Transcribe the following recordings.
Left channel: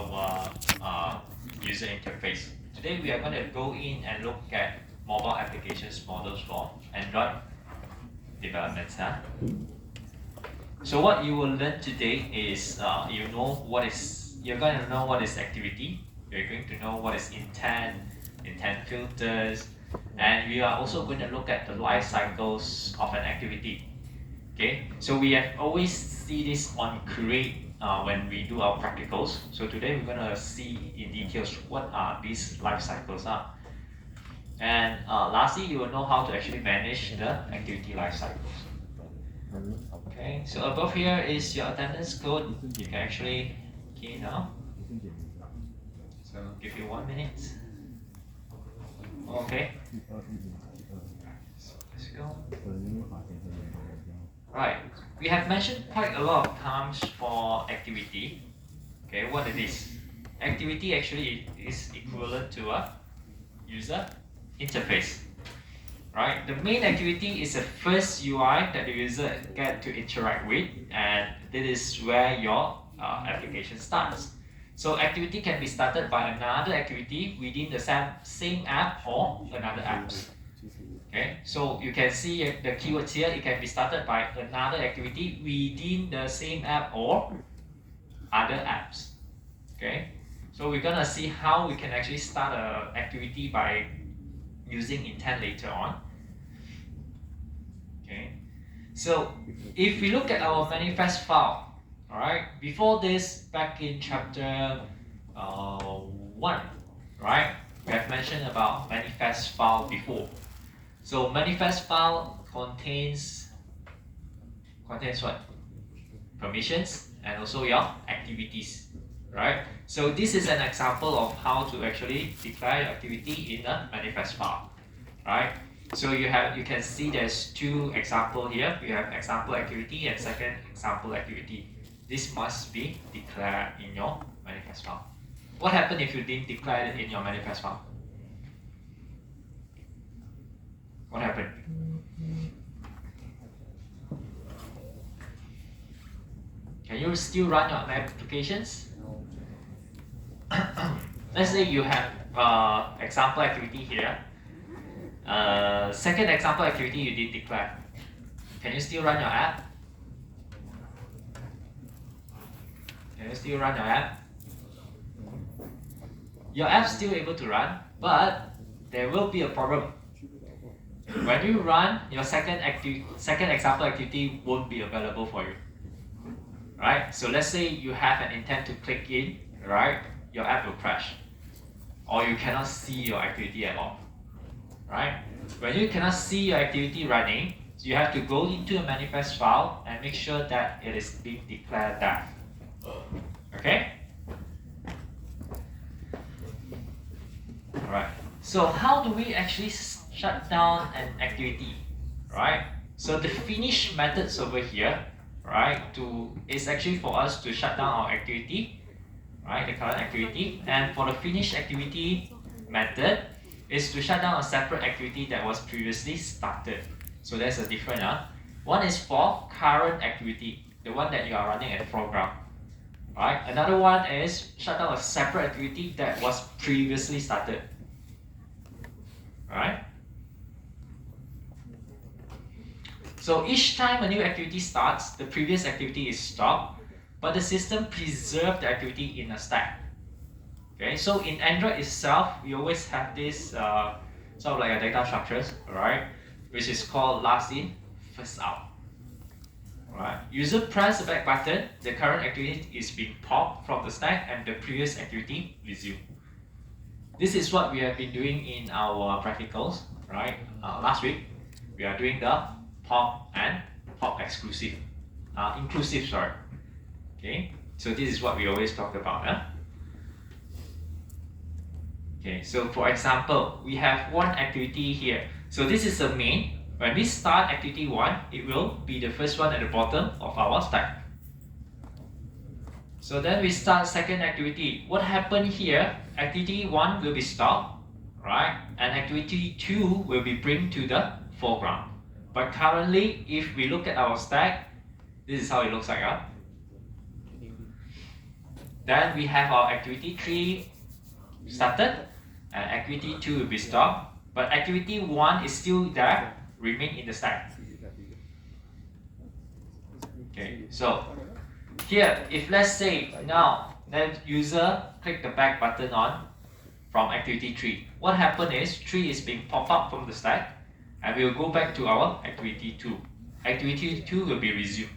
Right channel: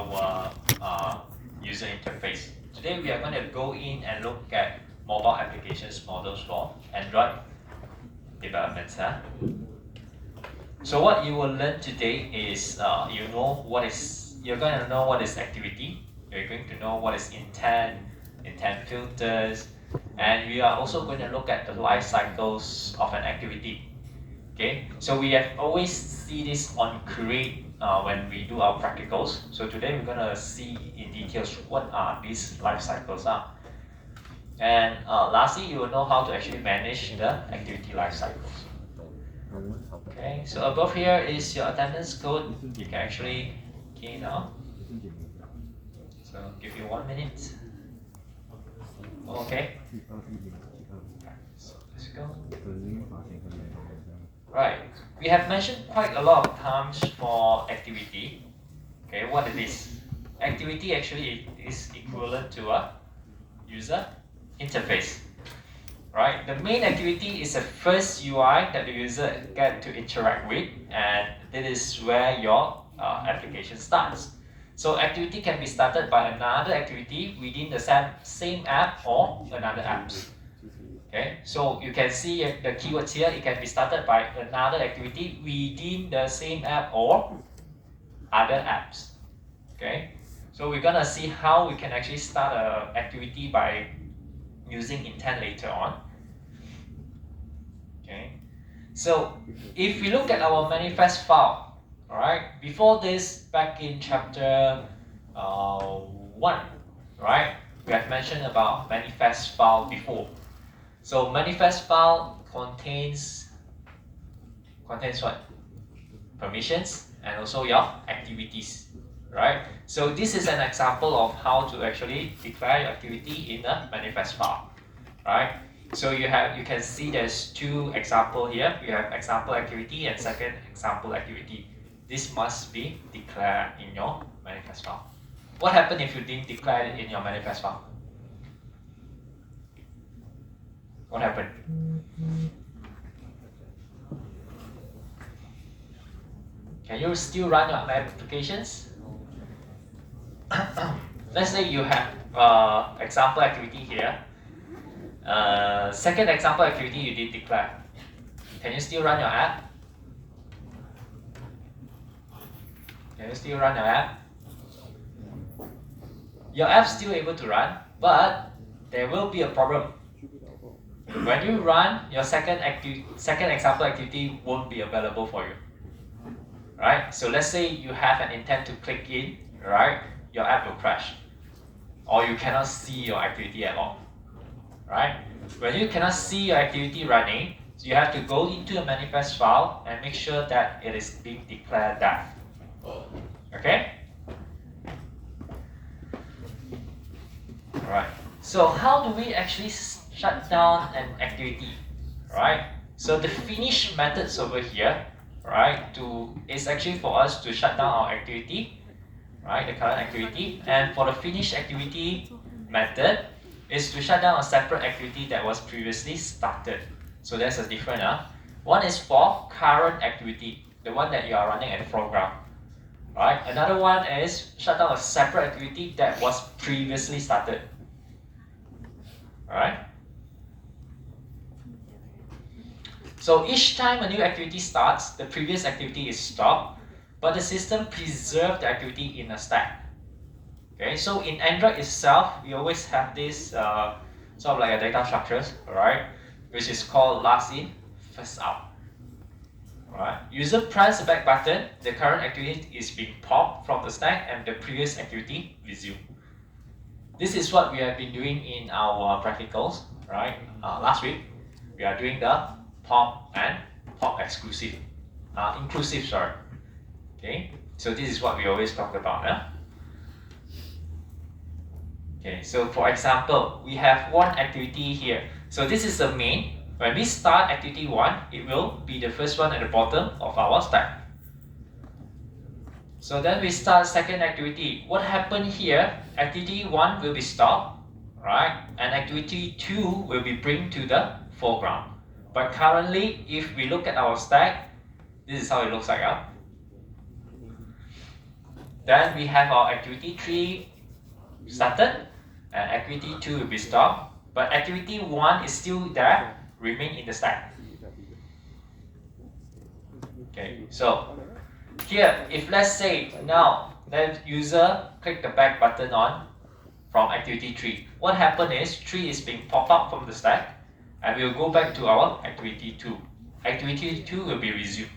our user interface. Today we are going to go in and look at mobile applications models for Android developments. So what you will learn today is you're going to know what is activity. You're going to know what is intent filters, and we are also going to look at the life cycles of an activity. Okay, so we have always see this on Create when we do our practicals. So today we're gonna see in details what are these life cycles are. And lastly, you will know how to actually manage the activity life cycles. Okay, so above here is your attendance code. You can actually key now. So give you 1 minute. Okay. So let's go. Right, we have mentioned quite a lot of times for activity. Okay, what it is? Activity actually is equivalent to a user interface. Right, the main activity is the first UI that the user get to interact with, and this is where your application starts. So activity can be started by another activity within the same app or another apps. Okay, so you can see the keywords here. It can be started by another activity within the same app or other apps. Okay, so we're gonna see how we can actually start an activity by using intent later on. Okay, so if we look at our manifest file, all right, before this, back in chapter 1, right, we have mentioned about manifest file before. So manifest file contains what? Permissions and also your activities, right? So this is an example of how to actually declare activity in a manifest file, right? So you can see there's two examples here. We have example activity and second example activity. This must be declared in your manifest file. What happens if you didn't declare it in your manifest file? What happened? Can you still run your applications? Let's say you have example activity here. Second example activity you did declare. Can you still run your app? Can you still run your app? Your app's still able to run, but there will be a problem. When you run, your second example activity won't be available for you. Right? So let's say you have an intent to click in, right? Your app will crash. Or you cannot see your activity at all. Right? When you cannot see your activity running, you have to go into a manifest file and make sure that it is being declared that. Okay? Alright. So how do we actually shut down an activity, right? So the finish methods over here, right, is actually for us to shut down our activity, right, the current activity, and for the finish activity method is to shut down a separate activity that was previously started. So there's a different one is for current activity, the one that you are running at the program, right? Another one is shut down a separate activity that was previously started, right? So each time a new activity starts, the previous activity is stopped, but the system preserves the activity in a stack. Okay, so in Android itself, we always have this sort of like a data structures, right? Which is called last in, first out. Alright. User press the back button, the current activity is being popped from the stack and the previous activity resumed. This is what we have been doing in our practicals, right? Last week, we are doing the pop and pop inclusive, sorry. Okay, so this is what we always talk about. Okay, so for example, we have one activity here. So this is the main. When we start activity 1, it will be the first one at the bottom of our stack. So then we start second activity. What happened here? Activity 1 will be stopped, right? And activity 2 will be bring to the foreground. But currently, if we look at our stack, this is how it looks like. Then we have our activity 3 started, and activity 2 will be stopped. But activity 1 is still there, remain in the stack. Okay, so here, if let's say now that user click the back button on from activity 3, what happened is 3 is being popped up from the stack, and we'll go back to our activity 2. Activity 2 will be resumed.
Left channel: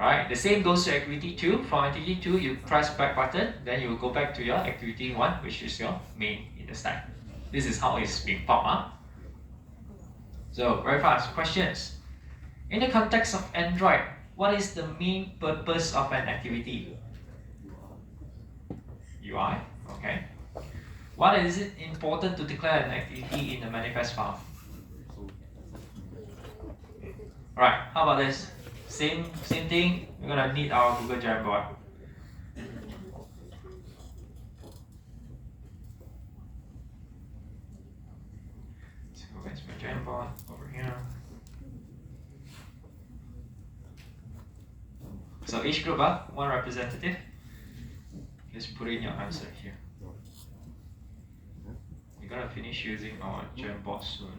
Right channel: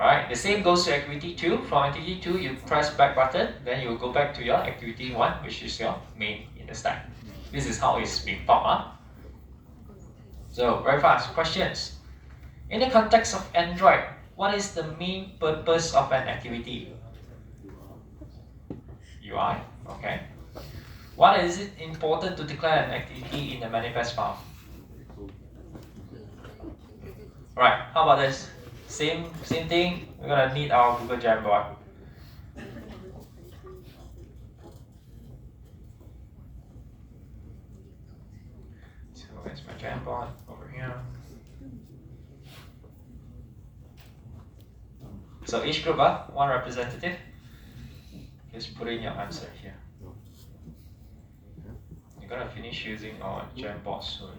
Alright, the same goes to activity 2. From activity 2, you press back button, then you will go back to your activity 1, which is your main in the stack. This is how it's being popped up. So, very fast, questions. In the context of Android, what is the main purpose of an activity? UI, okay. Why is it important to declare an activity in the manifest file? Alright, how about this? Same thing, we're gonna need our Google Jamboard. So where's my Jamboard? Over here. So each group, one representative. Please put in your answer here. You're gonna finish using our Jamboard soon.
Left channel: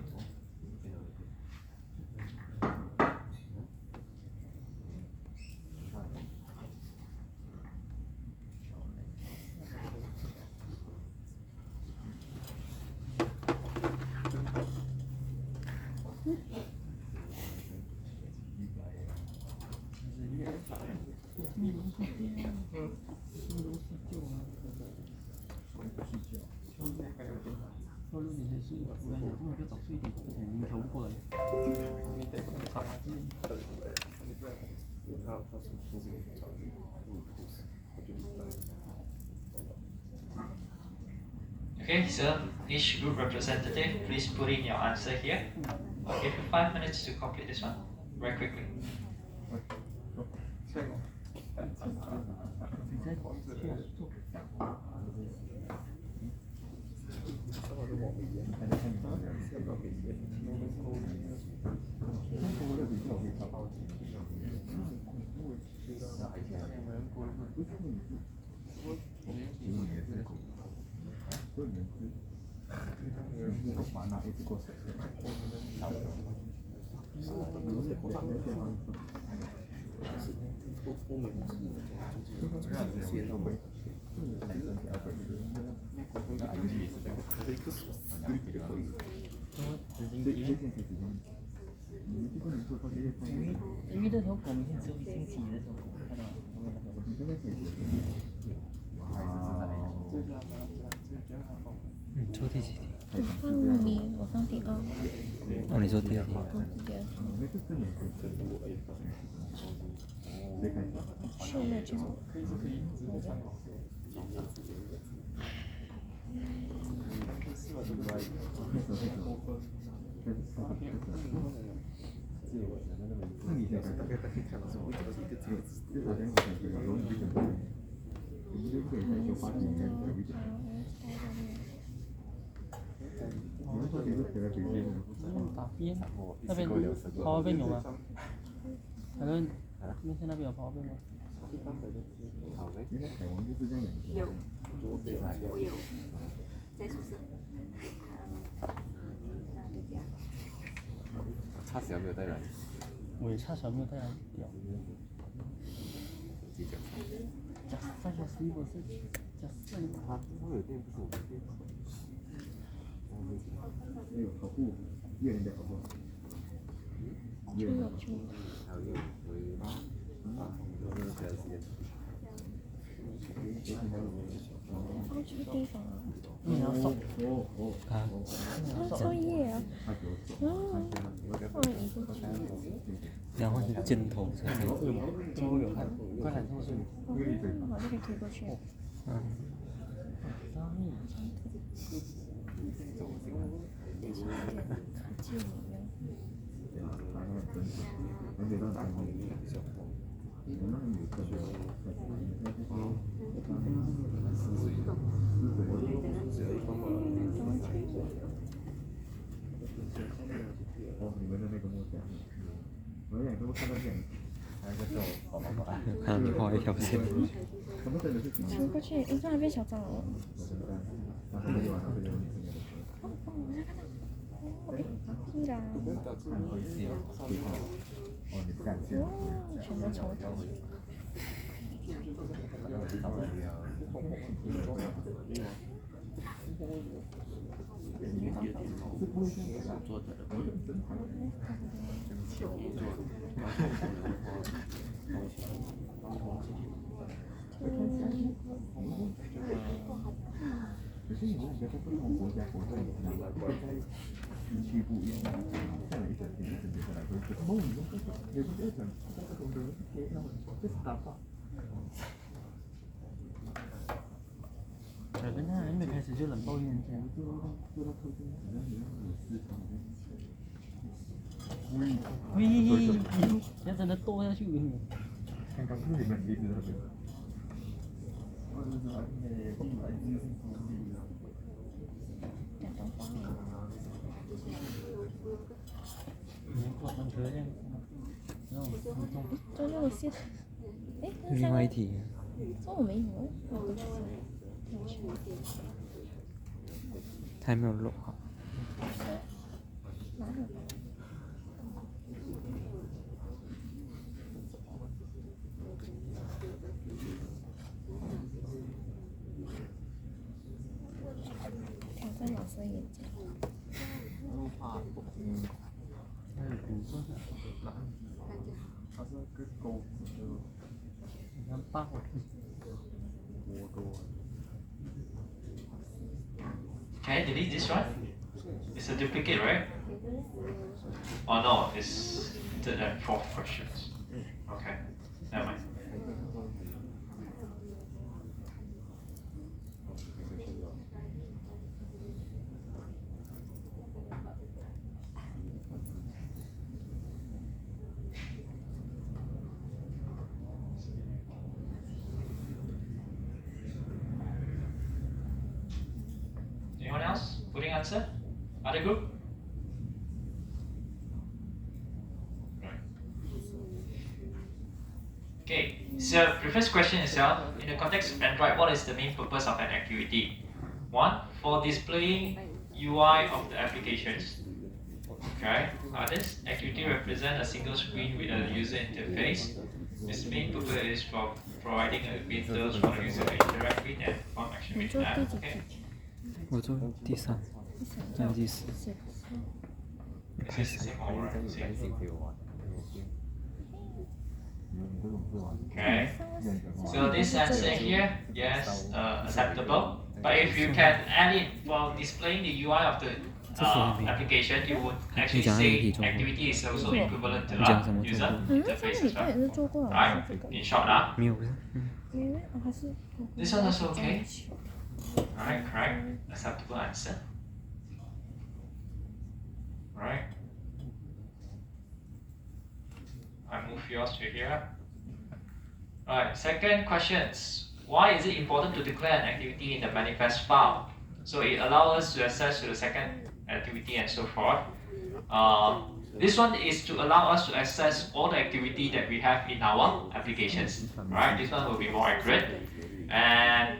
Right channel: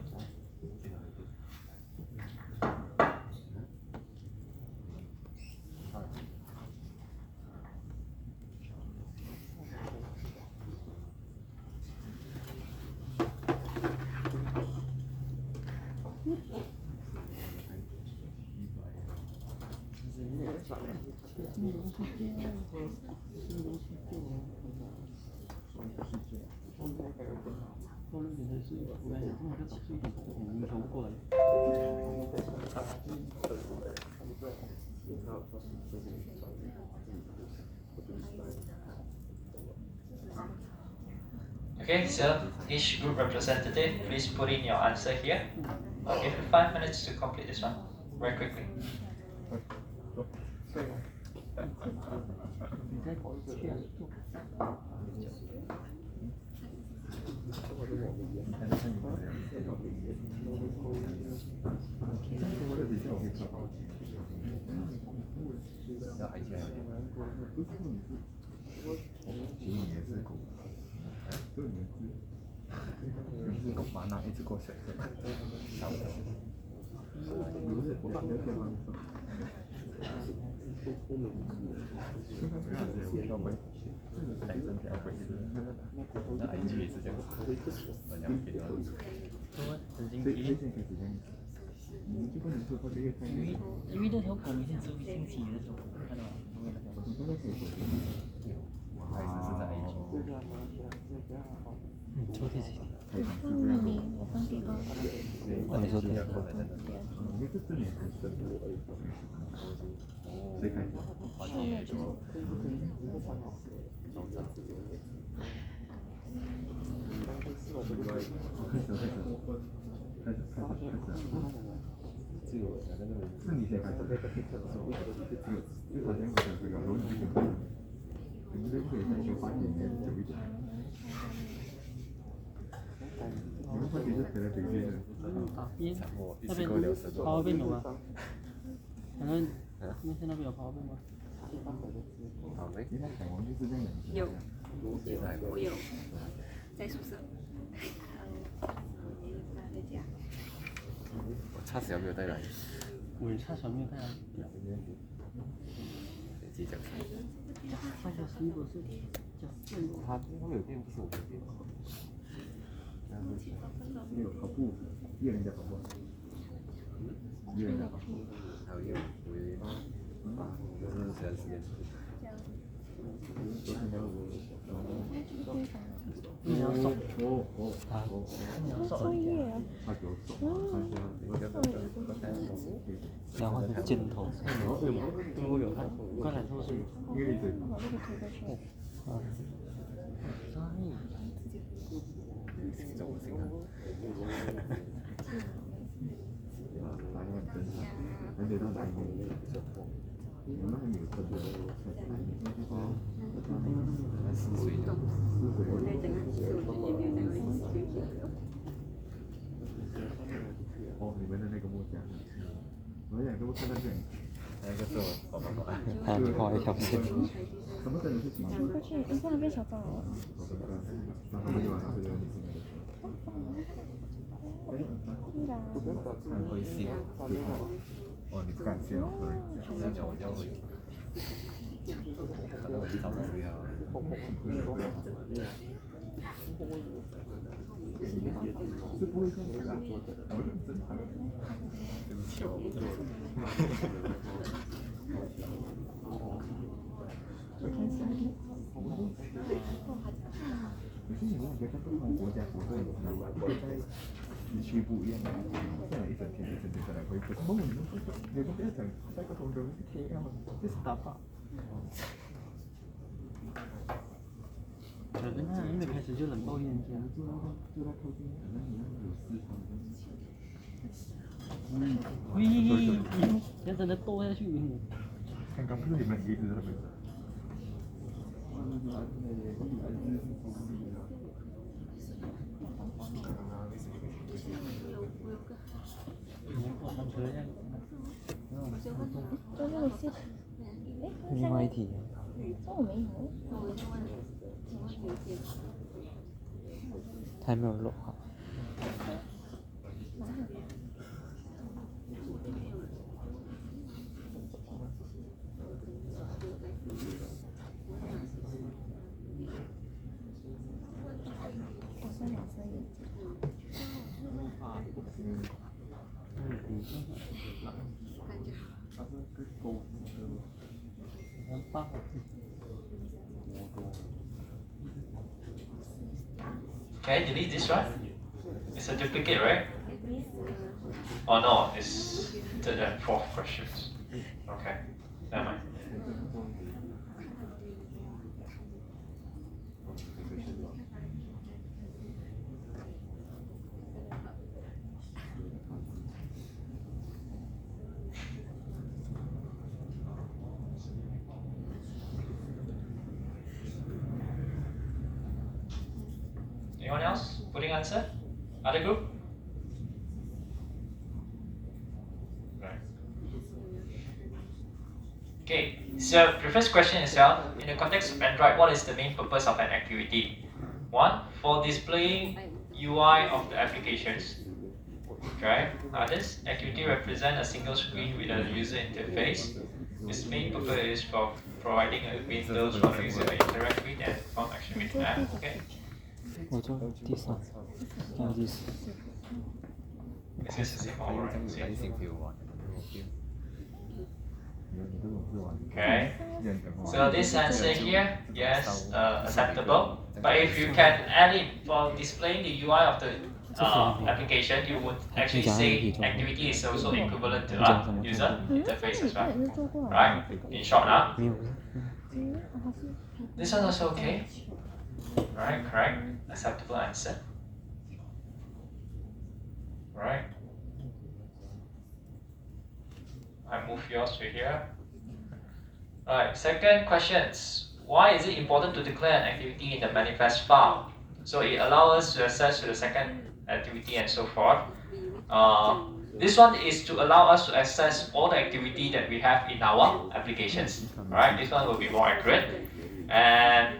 Okay, so each group representative, please put in your answer here. I'll give you 5 minutes to complete this one, very quickly.因为那条狗每天只有1星期的那条狗，看到吗？因为那条狗。抽第几题？我放第二。哦，你说第二个。边那边跑那边有吗？反正那天那边有跑步吗？有，我有，在宿舍。在家。差小没有带来。我也差小没有带来。上学时不是他会有电，不是我的电。没有跑步，一个人在跑步，一个人在跑步，还有我有没有其他时间？你要送作业啊。他给我走，然后就箭头，都会有看，快来透视，因为对，而且到南边比较痛，我们还没有特别，哦，你们的那个墨家，我想说看到这样，那个是我爸爸。条线。什么真的是挺走过去，突然变小蟑螂了。然后我就晚上回来。突然，哦，你不敢去哦。全都球球。是不会这样子的，我认真谈。可是你那个在不同国家国家，你知道吗？一个在地区不一样，这样一整天下来会，可是梦里面有个在讲，在不同的天啊，就是打靶。我跟他还没开始就冷暴力，就到附近，好像有市场的。要真的剁下去。刚刚不是你们一直在那边。就那个线，哎，另外一题，中午没有。他还没有录好。挑战老师眼睛。Can I delete this one? It's a duplicate, right? Oh no, it's third and fourth questions. Okay, never mind. Anyone else putting answer? Other group? Right. Okay, so the first question itself, in the context of Android, what is the main purpose of an activity? One, for displaying UI of the applications. Okay, this activity represents a single screen with a user interface. Its main purpose is for providing a windows for the user to interact with and perform action with the app. Okay. 我做第三，要第四。 This is the same all right. Same. Okay. So this answer here, yes, acceptable. But if you can add it for displaying the UI of the application, you would actually say activity is also equivalent to user interface as well. Right? In short, now. 没有， This one also okay. Alright, correct. Acceptable answer. Alright. I move yours to here. Alright, second questions. Why is it important to declare an activity in the manifest file? So it allows us to access to the second activity and so forth. This one is to allow us to access all the activity that we have in our applications. Right? This one will be more accurate. And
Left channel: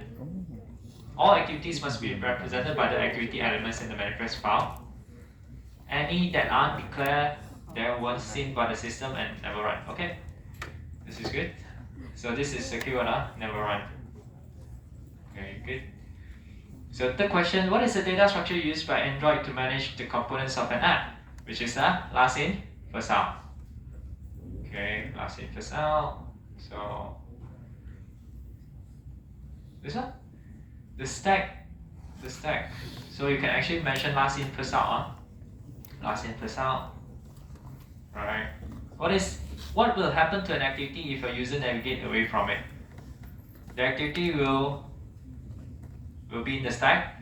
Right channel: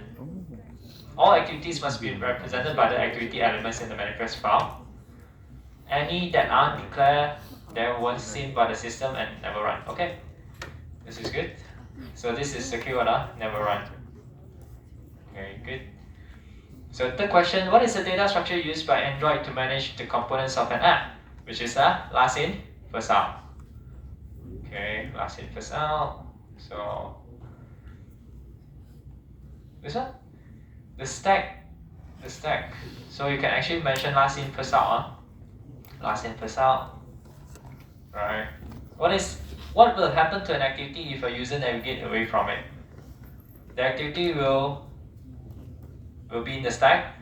all activities must be represented by the activity elements in the manifest file. Any that aren't declared, they were seen by the system and never run. Okay, this is good. So this is secure, never run. Very good. So third question, what is the data structure used by Android to manage the components of an app? Which is the last in, first out. Okay, last in, first out. So this one? The stack. So you can actually mention last in, first out. Last in, first out. Right. What will happen to an activity if a user navigates away from it? The activity will be in the stack.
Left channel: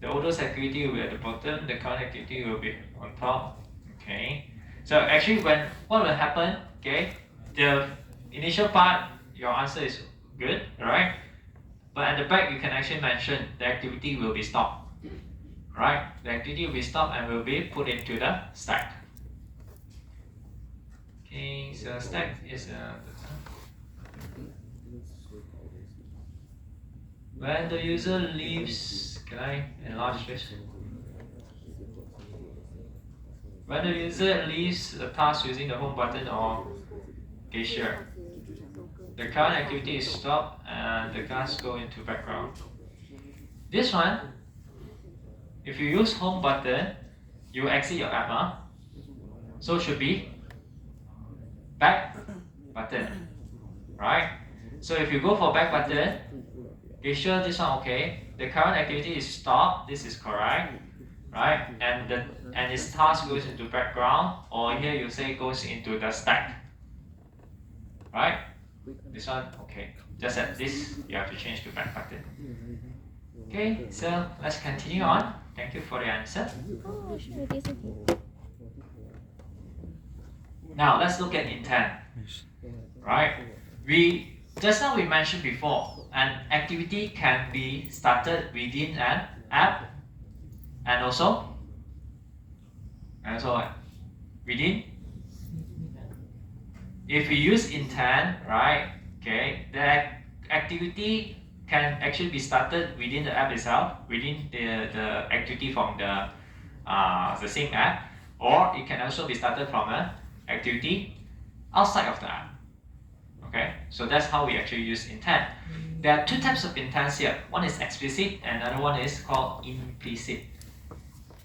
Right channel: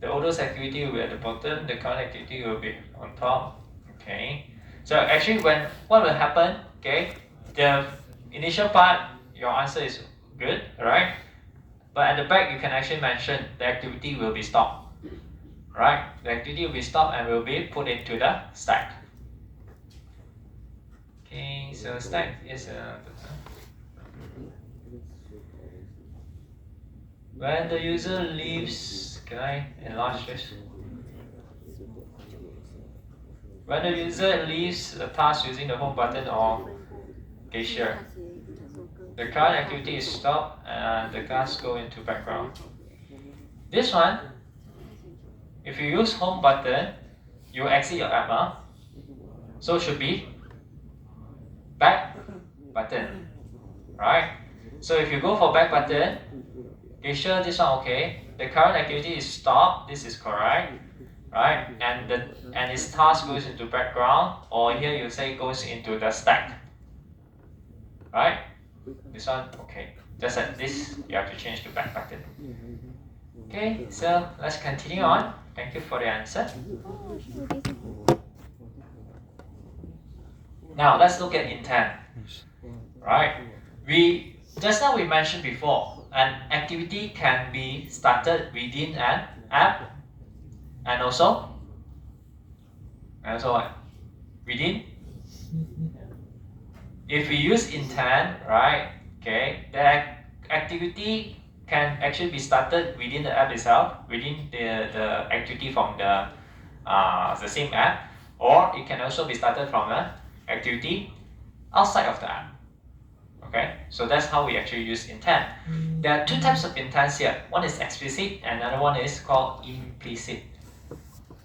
The oldest activity will be at the bottom. The current activity will be on top. Okay. So actually, what will happen? Okay. The initial part, your answer is good, alright? But at the back, you can actually mention the activity will be stopped. Right? The activity will be stopped and will be put into the stack. Okay, so stack is When the user leaves, can I enlarge this? When the user leaves a task using the home button or gesture, the current activity is stopped and the task go into background. This one, if you use home button, you exit your app, huh? So it should be back button, right? So if you go for back button, gesture, this one okay. The current activity is stopped. This is correct, right? And its task goes into background, or here you say goes into the stack, right? This one okay. Just at this, you have to change to back button. Okay, so let's continue on. Thank you for the answer. Oh, should do this. Now let's look at intent. Right? Just now we mentioned before, an activity can be started within an app and also what? Within. If we use intent, right? Okay, the activity can actually be started within the app itself, within the activity from the same app, or it can also be started from an activity outside of the app. Okay, so that's how we actually use intent. There are two types of intents here. One is explicit, and another one is called implicit.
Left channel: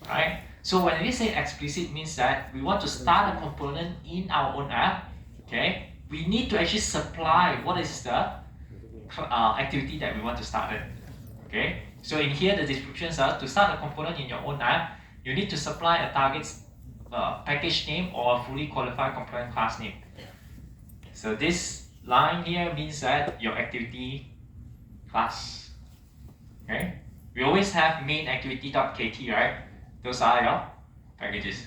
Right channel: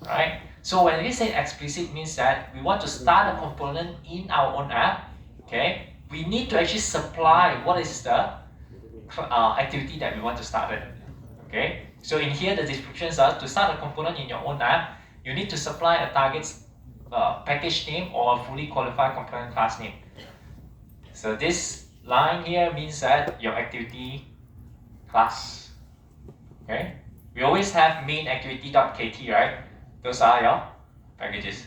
Right? So when we say explicit, means that we want to start a component in our own app. Okay, we need to actually supply what is the activity that we want to start it. Okay, so in here the descriptions are to start a component in your own app, you need to supply a target package name or a fully qualified component class name. So this line here means that your activity class. Okay, we always have main activity.kt, right? Those are your packages,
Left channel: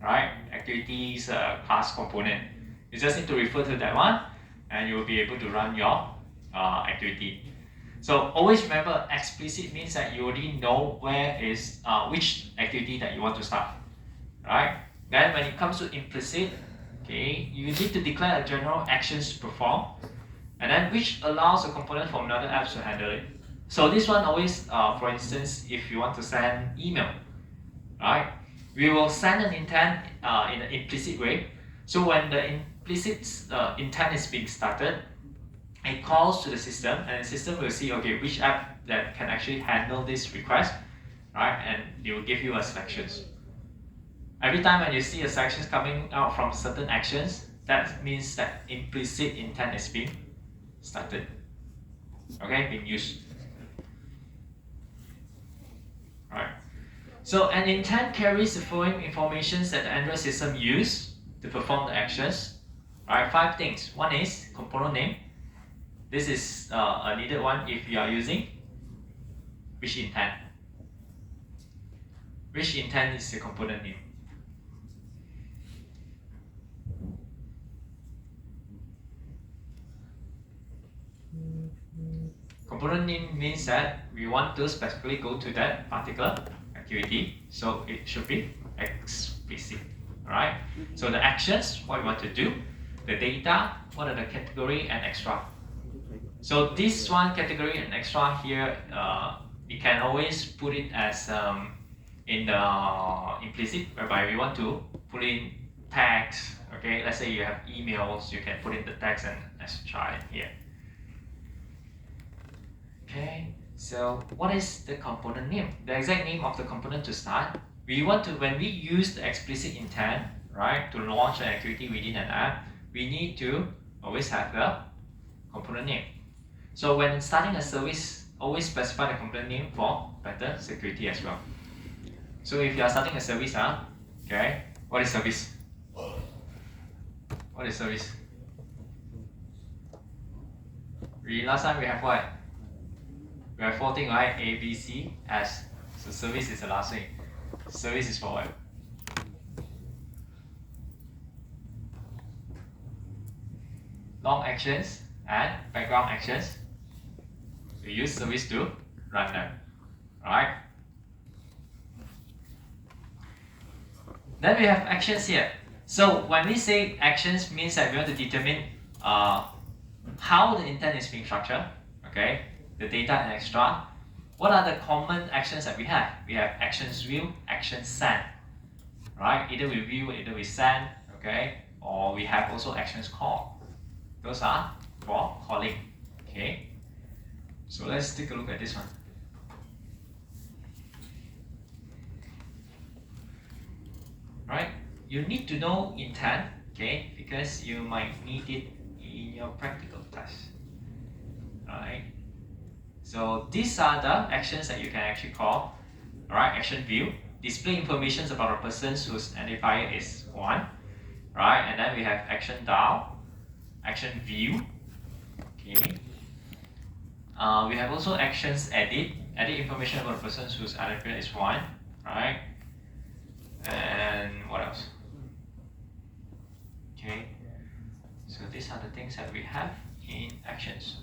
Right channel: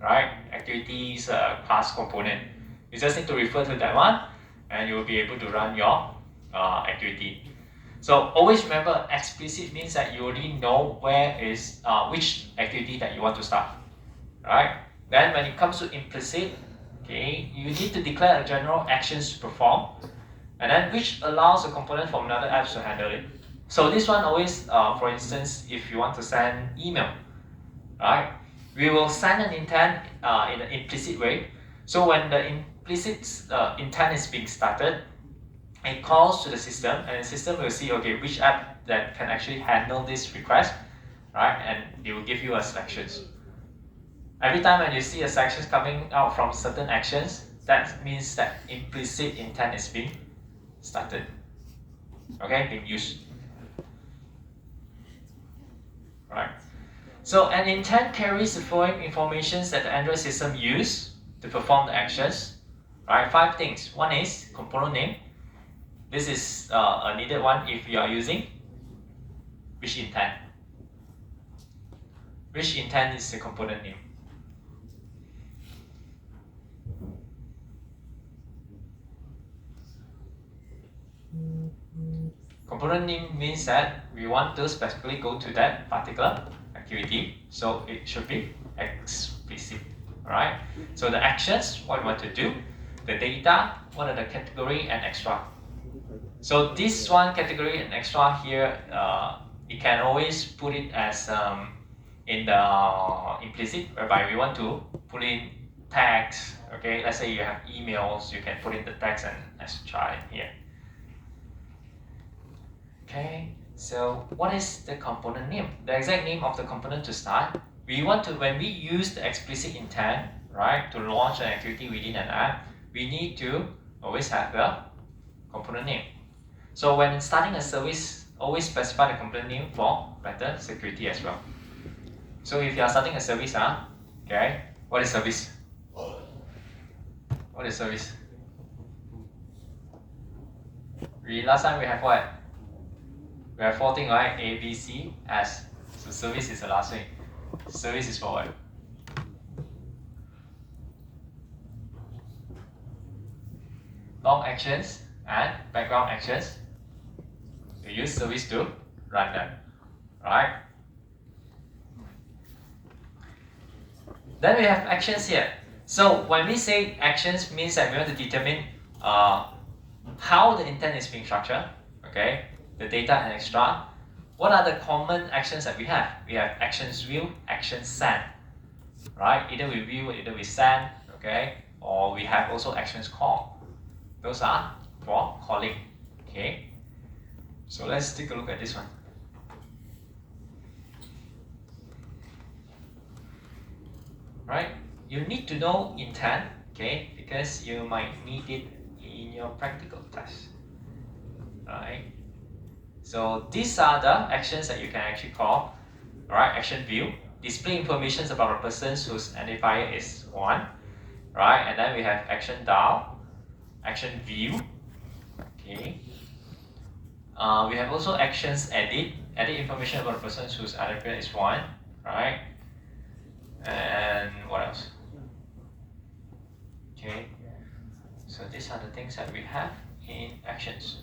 right? Activities class component. You just need to refer to that one, and you will be able to run your activity. So always remember, explicit means that you already know where is which activity that you want to start, right? Then when it comes to implicit, okay, you need to declare a general actions to perform, and then which allows a component from another app to handle it. So this one always, for instance, if you want to send email, right? We will send an intent in an implicit way. So when the implicit intent is being started, it calls to the system, and the system will see, okay, which app that can actually handle this request, right? And it will give you a selections. Every time when you see a selections coming out from certain actions, that means that implicit intent is being started, okay, being used, right? So an intent carries the following information that the Android system use to perform the actions, right? 5 things. One is component name. This is a needed one if you are using which intent. Which intent is the component name. Component name means that we want to specifically go to that particular activity, so it should be explicit. Alright? So the actions, what we want to do, the data, what are the category and extra. So this one category and extra here, you can always put it as in the implicit, whereby we want to put in tags. Okay, let's say you have emails, you can put in the tags, and let's try it here. Okay, so what is the component name? The exact name of the component to start. We want to, when we use the explicit intent, right, to launch an activity within an app, we need to always have the component name. So when starting a service, always specify the component name for better security as well. So if you are starting a service, okay, what is service? What is service? Last time we have what? We have 4 things, right? A, B, C, S. So service is the last thing. Service is for what? Long actions and background actions. We use service to run them, right? Then we have actions here. So when we say actions, means that we want to determine how the intent is being structured. Okay, the data and extract, what are the common actions that we have? We have actions view, action send, right? Either we view or either we send, okay? Or we have also actions call. Those are for calling, okay? So let's take a look at this one. Right? You need to know intent, okay? Because you might need it in your practical test, right? So these are the actions that you can actually call, right? Action view, display information about a person whose identifier is 1, right? And then we have action dial, action view, okay? We have also actions edit information about a person whose identifier is 1, right? And what else? Okay, so these are the things that we have in actions,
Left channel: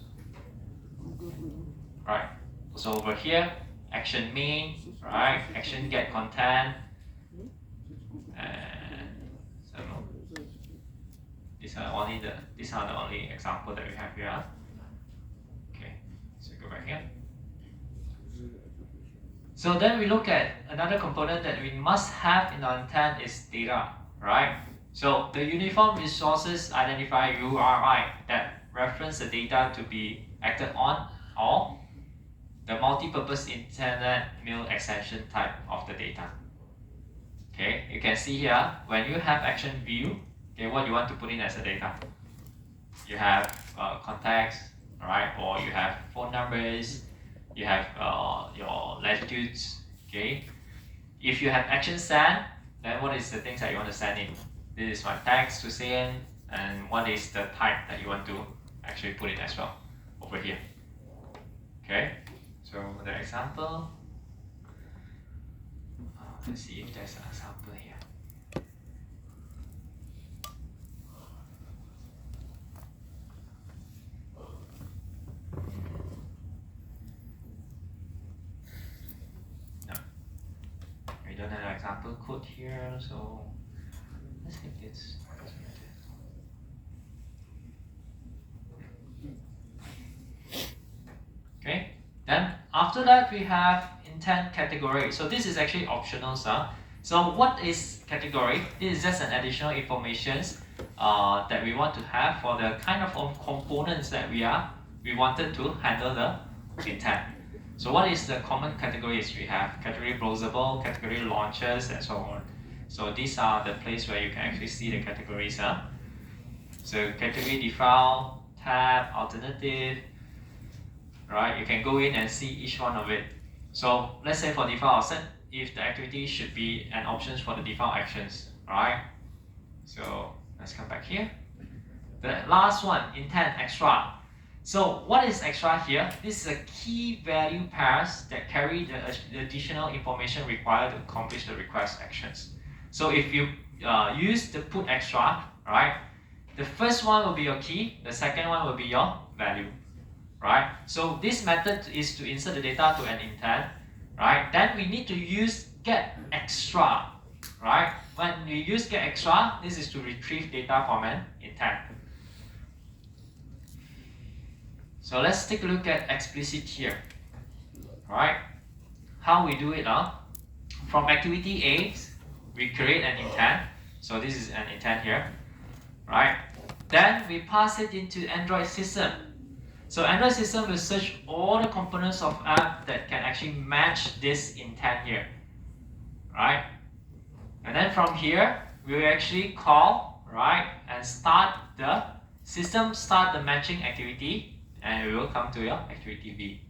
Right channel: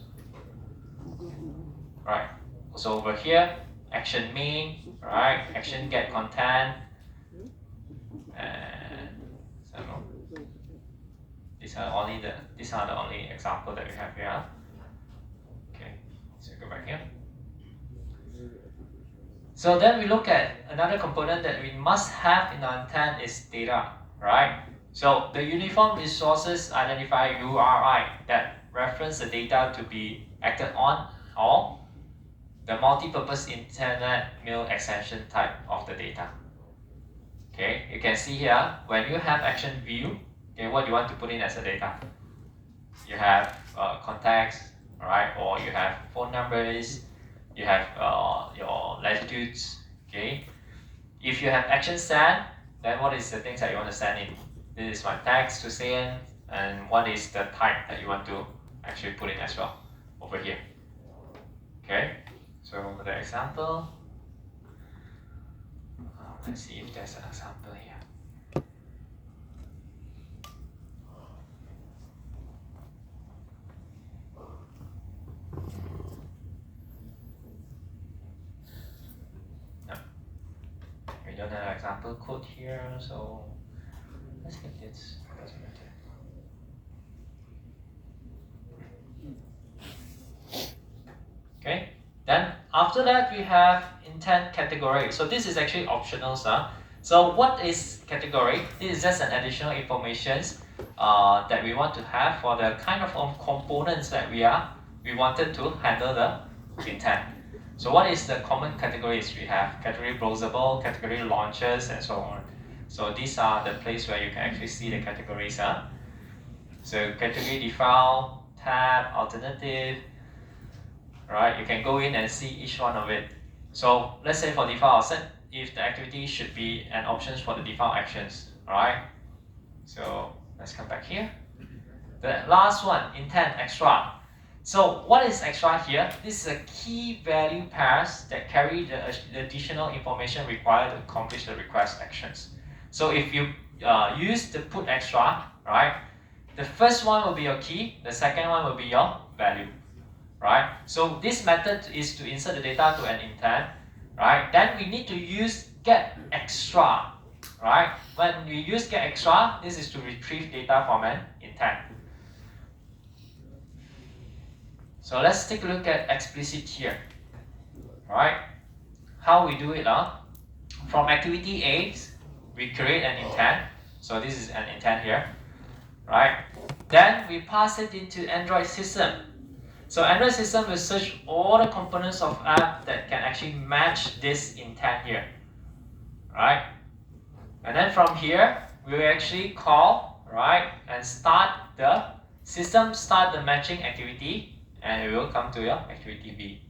right? So over here, action main, right? Action get content, and so these are the only example that we have here. Okay, so go back here. So then we look at another component that we must have in our intent is data, right? So the uniform resources identifier URI that reference the data to be acted on, or the multi-purpose internet mail extension type of the data. Okay, you can see here when you have action view, okay, what you want to put in as a data. You have contacts, right? Or you have phone numbers, you have your latitudes, okay? If you have action send, then what is the things that you want to send in? This is my text to send, and what is the type that you want to actually put in as well over here. Okay, so the example, let's see if there's an example here. No, we don't have an example code here, so let's hit this. Doesn't matter. Okay, then after that we have intent category. So this is actually optional, sir. So what is category? This is just an additional information that we want to have for the kind of components that we wanted to handle the intent. So what is the common categories we have? Category browsable, category launchers, and so on. So these are the place where you can actually see the categories. So category default, tab, alternative, right? You can go in and see each one of it. So let's say for default, I'll set if the activity should be an options for the default actions, alright? So let's come back here. The last one, intent extra. So what is extra here? This is a key value pairs that carry the additional information required to accomplish the request actions. So if you use the put extra, right? The first one will be your key, the second one will be your value, right? So this method is to insert the data to an intent, right? Then we need to use get extra, right? When we use get extra, this is to retrieve data from an intent. So let's take a look at explicit here, right? How we do it, from activity A, we create an intent. So this is an intent here, right? Then we pass it into Android system. So Android system will search all the components of app that can actually match this intent here, right? And then from here, we will actually call, right, and start the matching activity, and we will come to your activity B.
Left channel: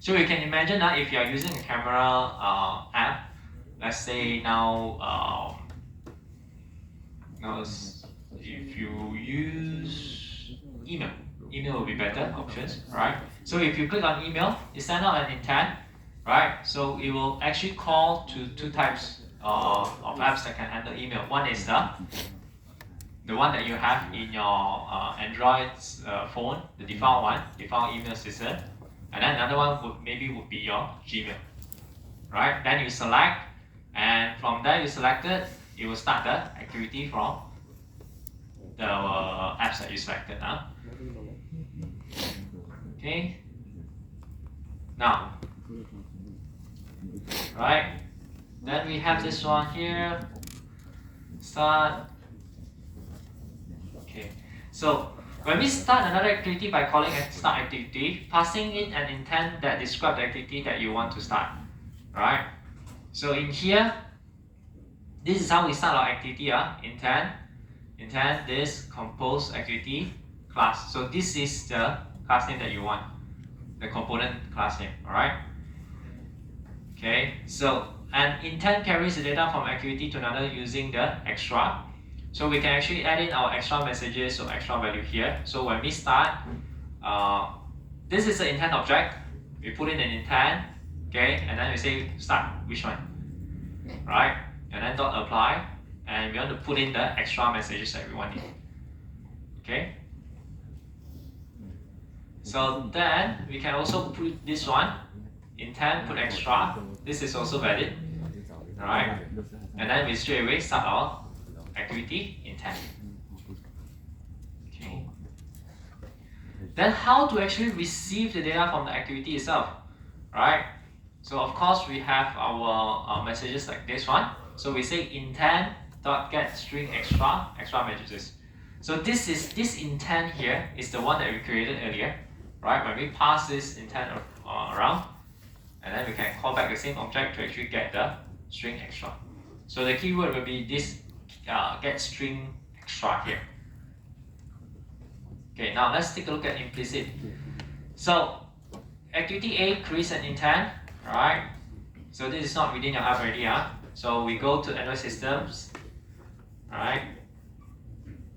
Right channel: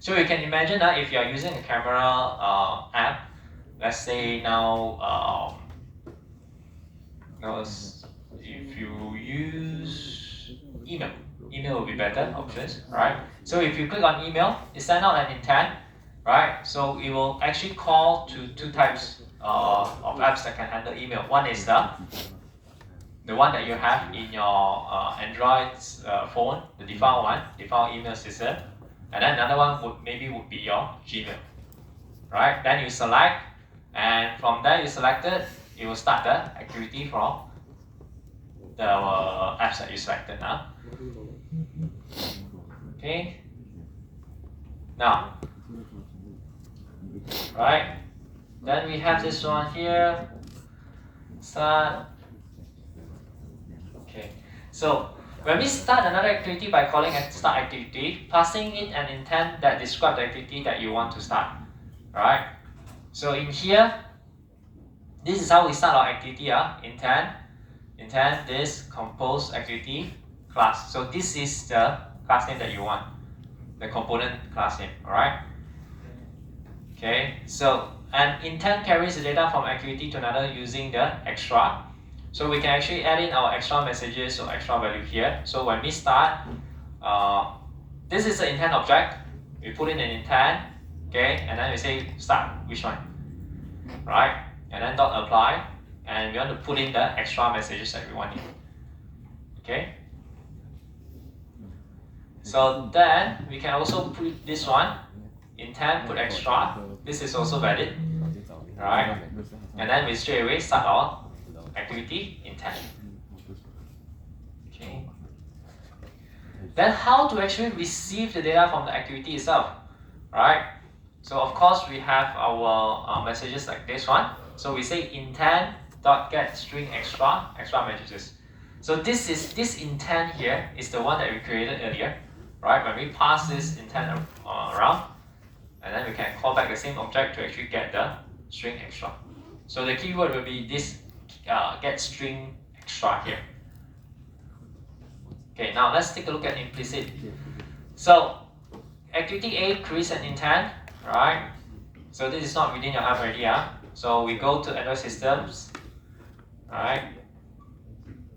So you can imagine that if you are using a camera app, let's say now, if you use email will be better options, right? So if you click on email, it sends out an intent, right? So it will actually call to two types of apps that can handle email. One is the one that you have in your Android phone, the default email system, and then another one would be your Gmail, right? Then you select, and from there you selected, it will start the activity from the apps that you selected. Okay. Now, right? Then we have this one here. Start. Okay. So when we start another activity by calling start activity, passing it an intent that describes the activity that you want to start. Right? So in here, this is how we start our activity. Intent this compose activity class. So this is the class name that you want, the component class name. Alright? Okay, so and intent carries the data from activity to another using the extra. So we can actually add in our extra messages or extra value here. So when we start, this is the intent object. We put in an intent, okay, and then we say start, which one, right? And then dot apply, and we want to put in the extra messages that we want in, okay? So then we can also put this one, intent, put extra. This is also valid, right? And then we straight away start our activity intent. Okay. Then how to actually receive the data from the activity itself, right? So of course we have our messages like this one. So we say intent dot get string extra messages. So this intent here is the one that we created earlier, right? When we pass this intent around, and then we can call back the same object to actually get the string extra. So the keyword will be this get string extra here. Okay, now let's take a look at implicit. So activity A creates an intent, right? So this is not within your app already, So we go to Android systems, right?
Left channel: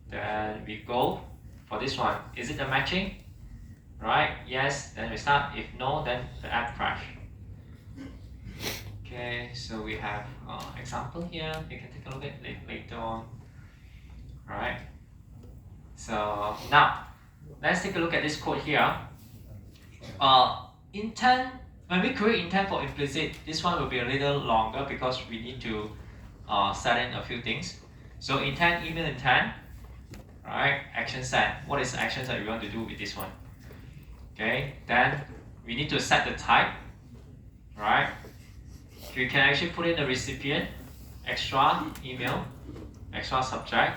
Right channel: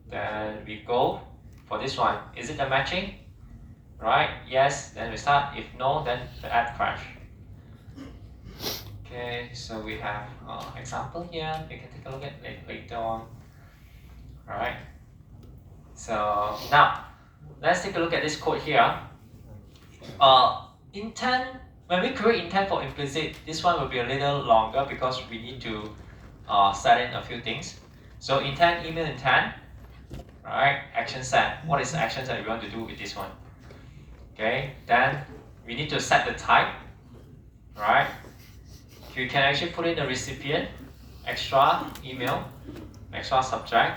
Then we go for this one. Is it the matching? Right? Yes. Then we start. If no, then the app crash. Okay. So we have example here. You can take a look at it later on. All right. So now let's take a look at this code here. Intent. When we create intent for implicit, this one will be a little longer because we need to set in a few things. So intent, email intent, right? Action set. What is the actions that we want to do with this one? Okay. Then we need to set the type, right? We can actually put in the recipient, extra email, extra subject.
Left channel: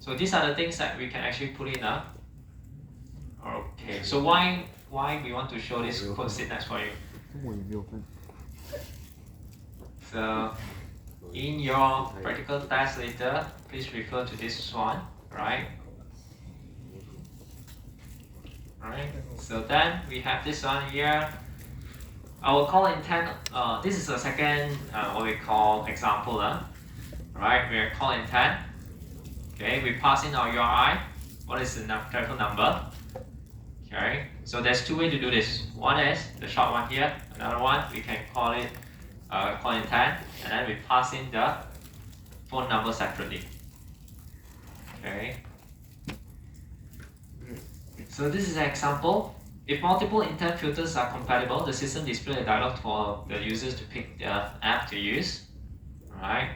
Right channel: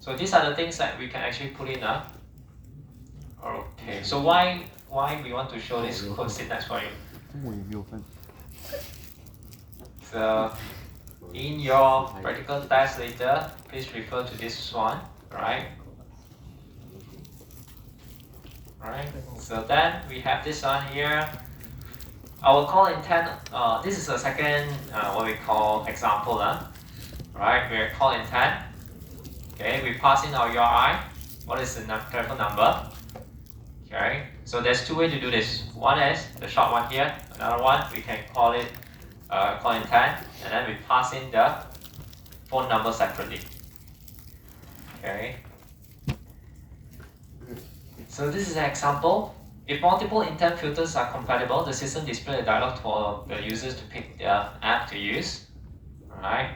So these are the things that we can actually put in. Okay. So why we want to show this code syntax for you? So in your practical test later, please refer to this one, right? Alright, so then we have this one here. Our call intent, this is the second, what we call example, right? We call intent. Okay, we pass in our URI. What is the telephone number? Okay, so there's two ways to do this. One is the short one here. Another one, we can call it call intent, and then we pass in the phone number separately. Okay. So this is an example. If multiple intent filters are compatible, the system displays a dialog for the users to pick the app to use. Alright.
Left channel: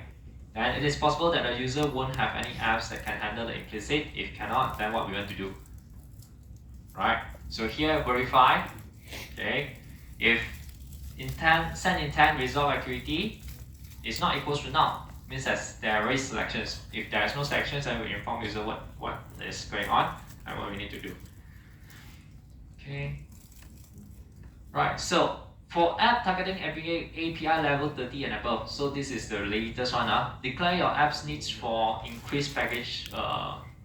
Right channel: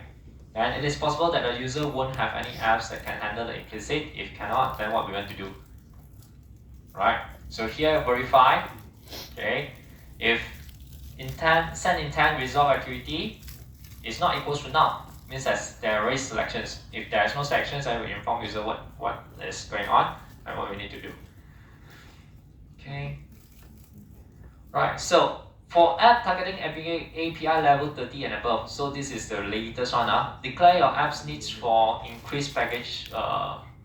And it is possible that the user won't have any apps that can handle the implicit. If cannot, then what we want to do? Right. So here verify. Okay. If intent send intent resolve activity is not equals to null, means that there are selections. If there is no selections, I will inform user what is going on and what we need to do. Okay. Right. So for app targeting API level 30 and above, so this is the latest one. Declare your app's needs for increased package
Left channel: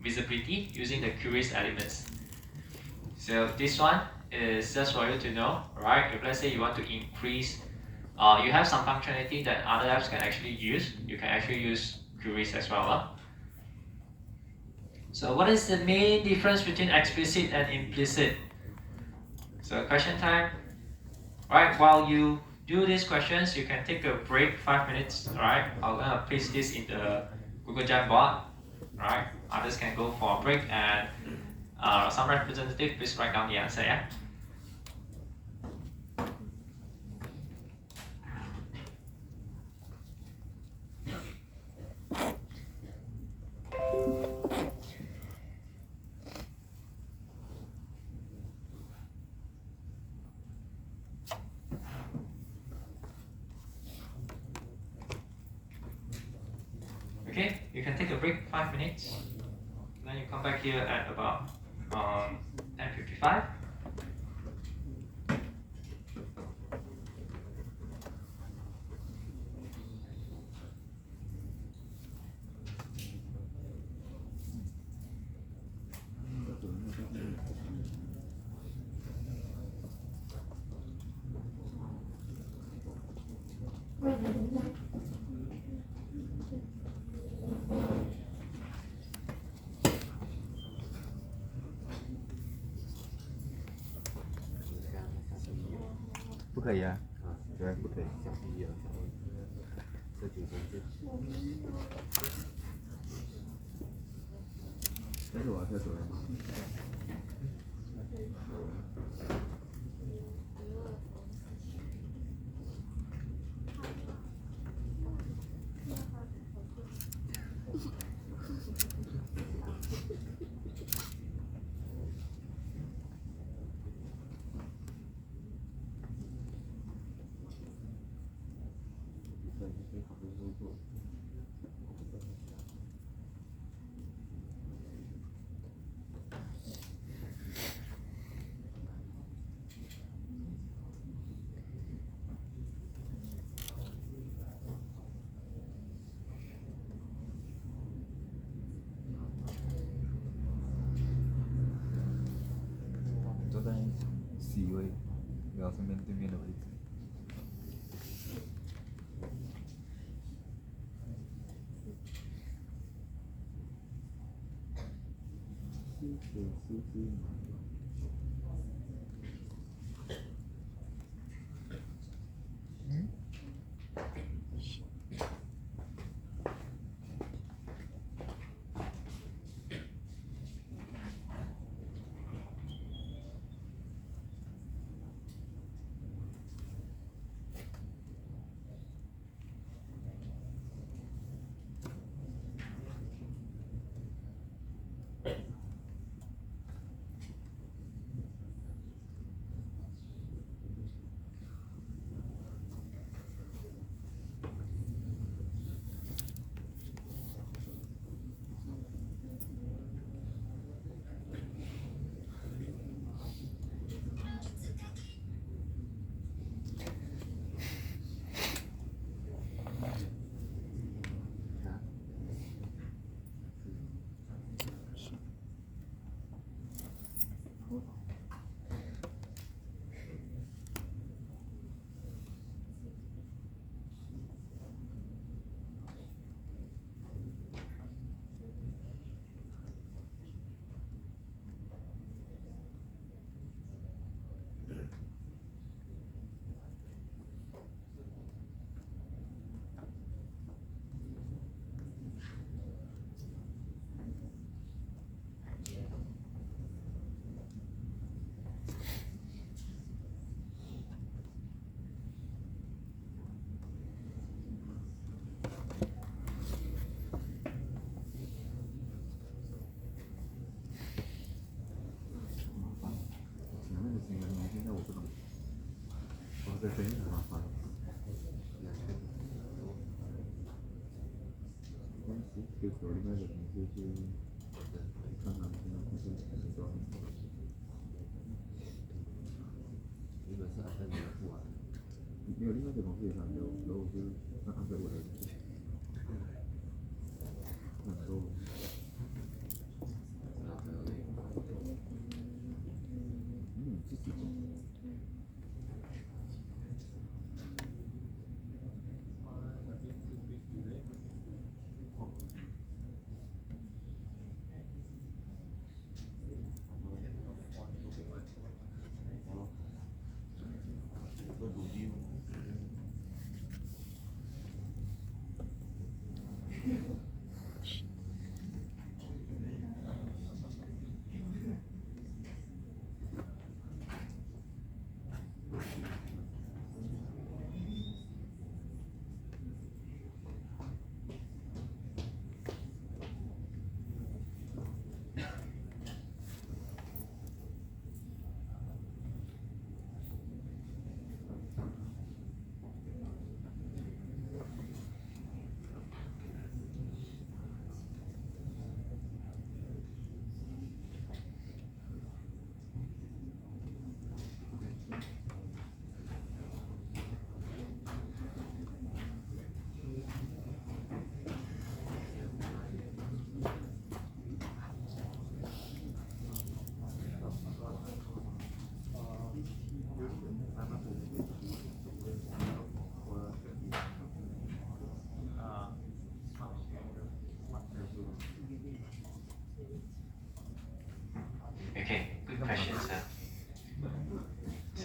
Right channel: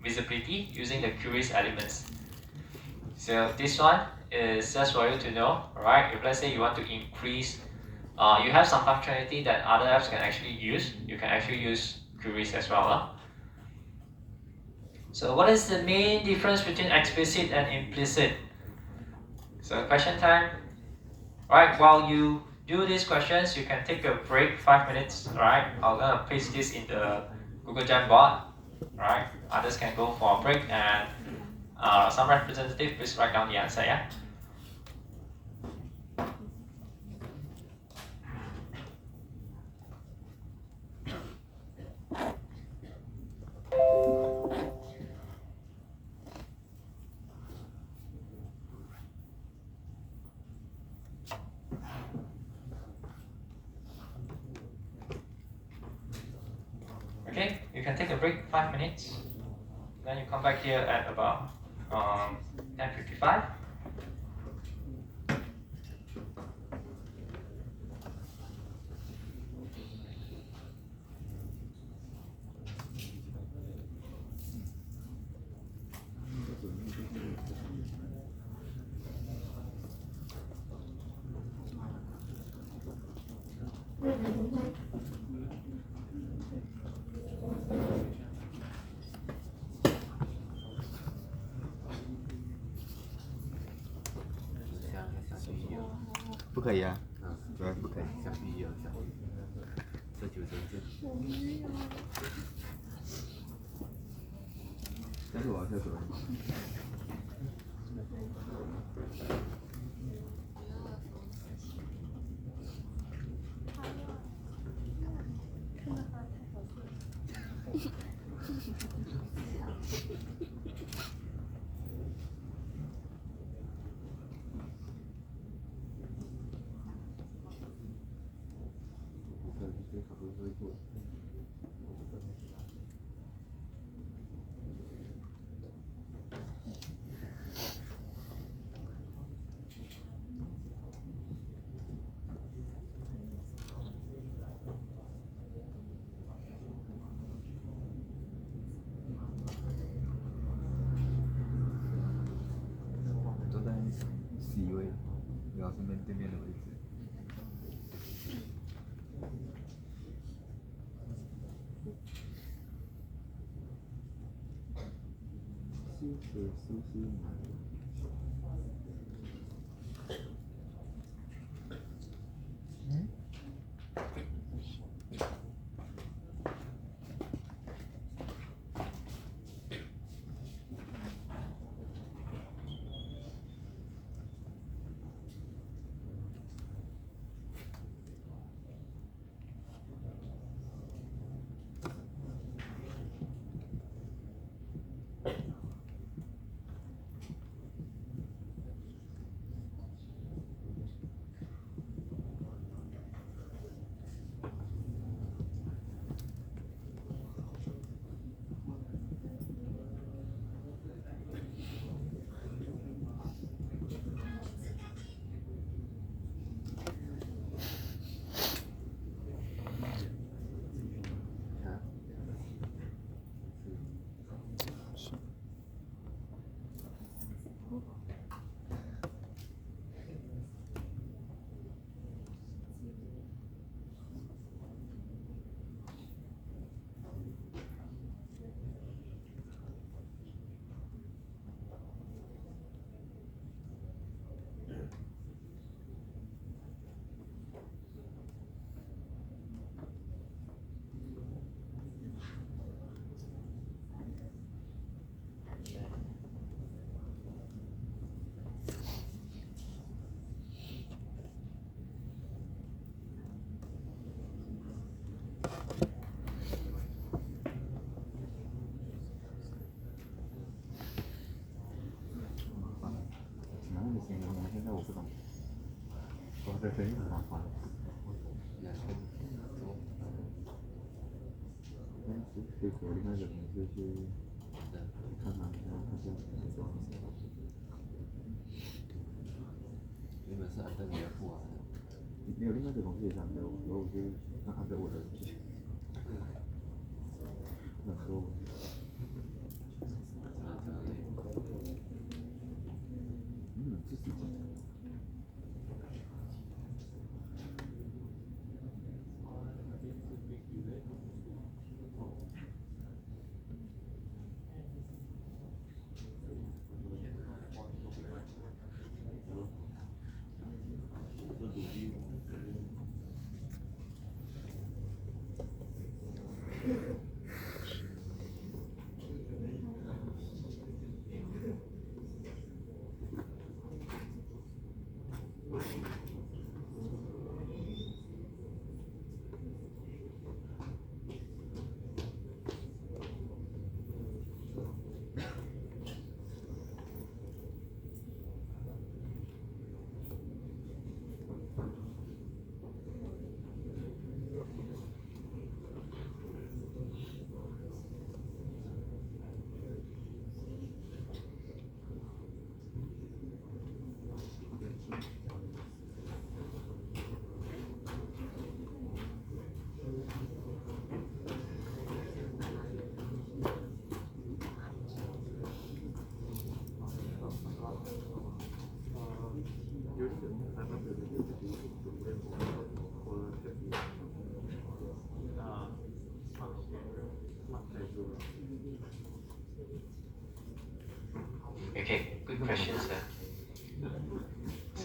visibility using the queries elements. So this one is just for you to know, right? If let's say you want to increase, you have some functionality that other apps can actually use, you can actually use queries as well. So what is the main difference between explicit and implicit? So question time. Right, while you do these questions, you can take a break 5 minutes, right? I'm gonna paste this in the Google Jamboard, right? Others can go for a break, and some representative, please write down the answer, yeah? break 5 minutes. Then you come back here at about 10:55.不可以啊，对，不可以。像 B 一样，像这九针是。但是我要下手了。坐在 C 位，然后是面对面的位置。是。现在我不懂，我这声音很麻烦。就昨天那个同事去看嘛，然后他就说，原本是按照你的付啊。没有另外一个同事也想给我，然后我就按照我的，很多。自己讲。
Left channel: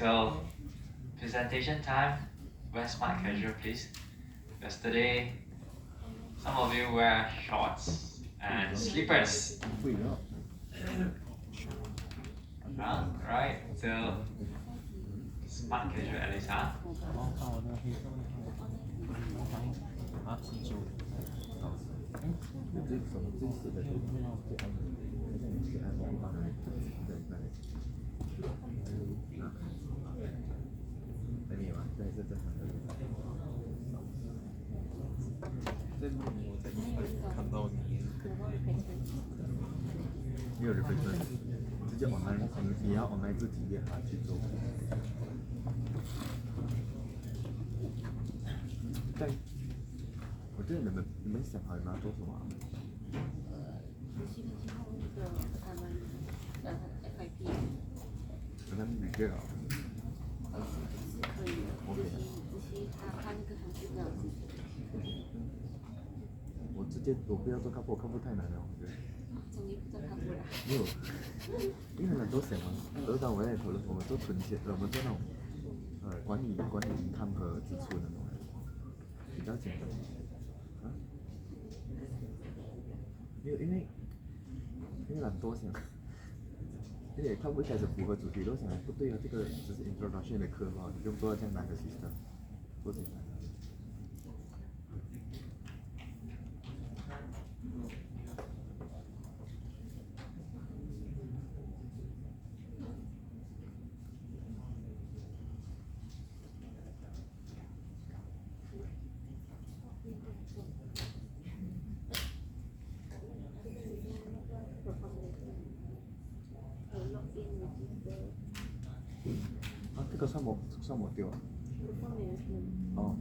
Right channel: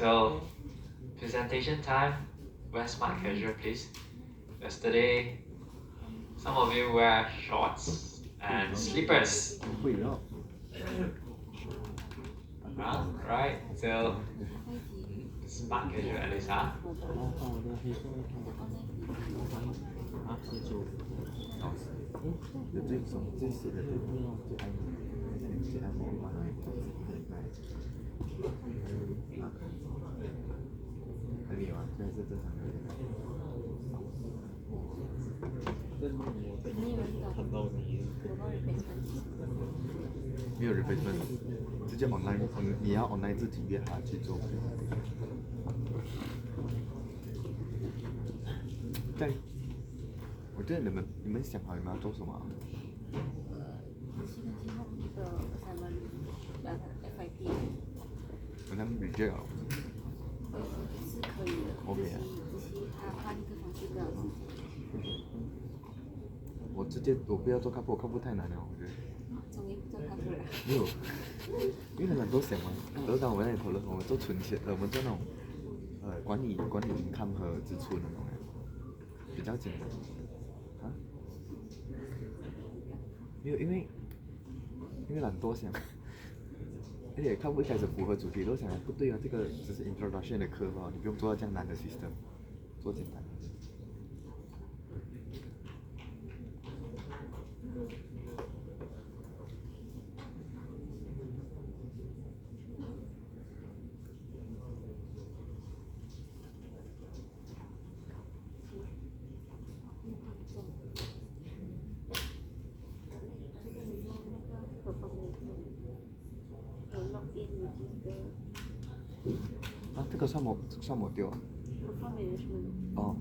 So presentation time, wear smart casual please. Yesterday, some of you wear shorts and slippers. 会要 Right, so smart casual at least, huh? 然后看我的黑色卫生啊，写字。有这种这写的这种可以吗？现在是正常的。在录我在看到你，没有 replacement，直接 online，你要 online 自己约他去做。对，我觉得你们想好你们要做什么啊？我让你 reject 啊。OK 啊。我不要做客户，客户太难了，我觉得。没有，因为很多想嘛，很多当我们在讨论，我们做存钱，我们做那种管理银行和支出那种，比较简单。啊？没有，因为懒惰想，而且客户一开始符合主题都想不对啊，这个只是 introduction 的课嘛，你不用做到这样难的 system， 做简单。啊，这个算我丢啊。哦。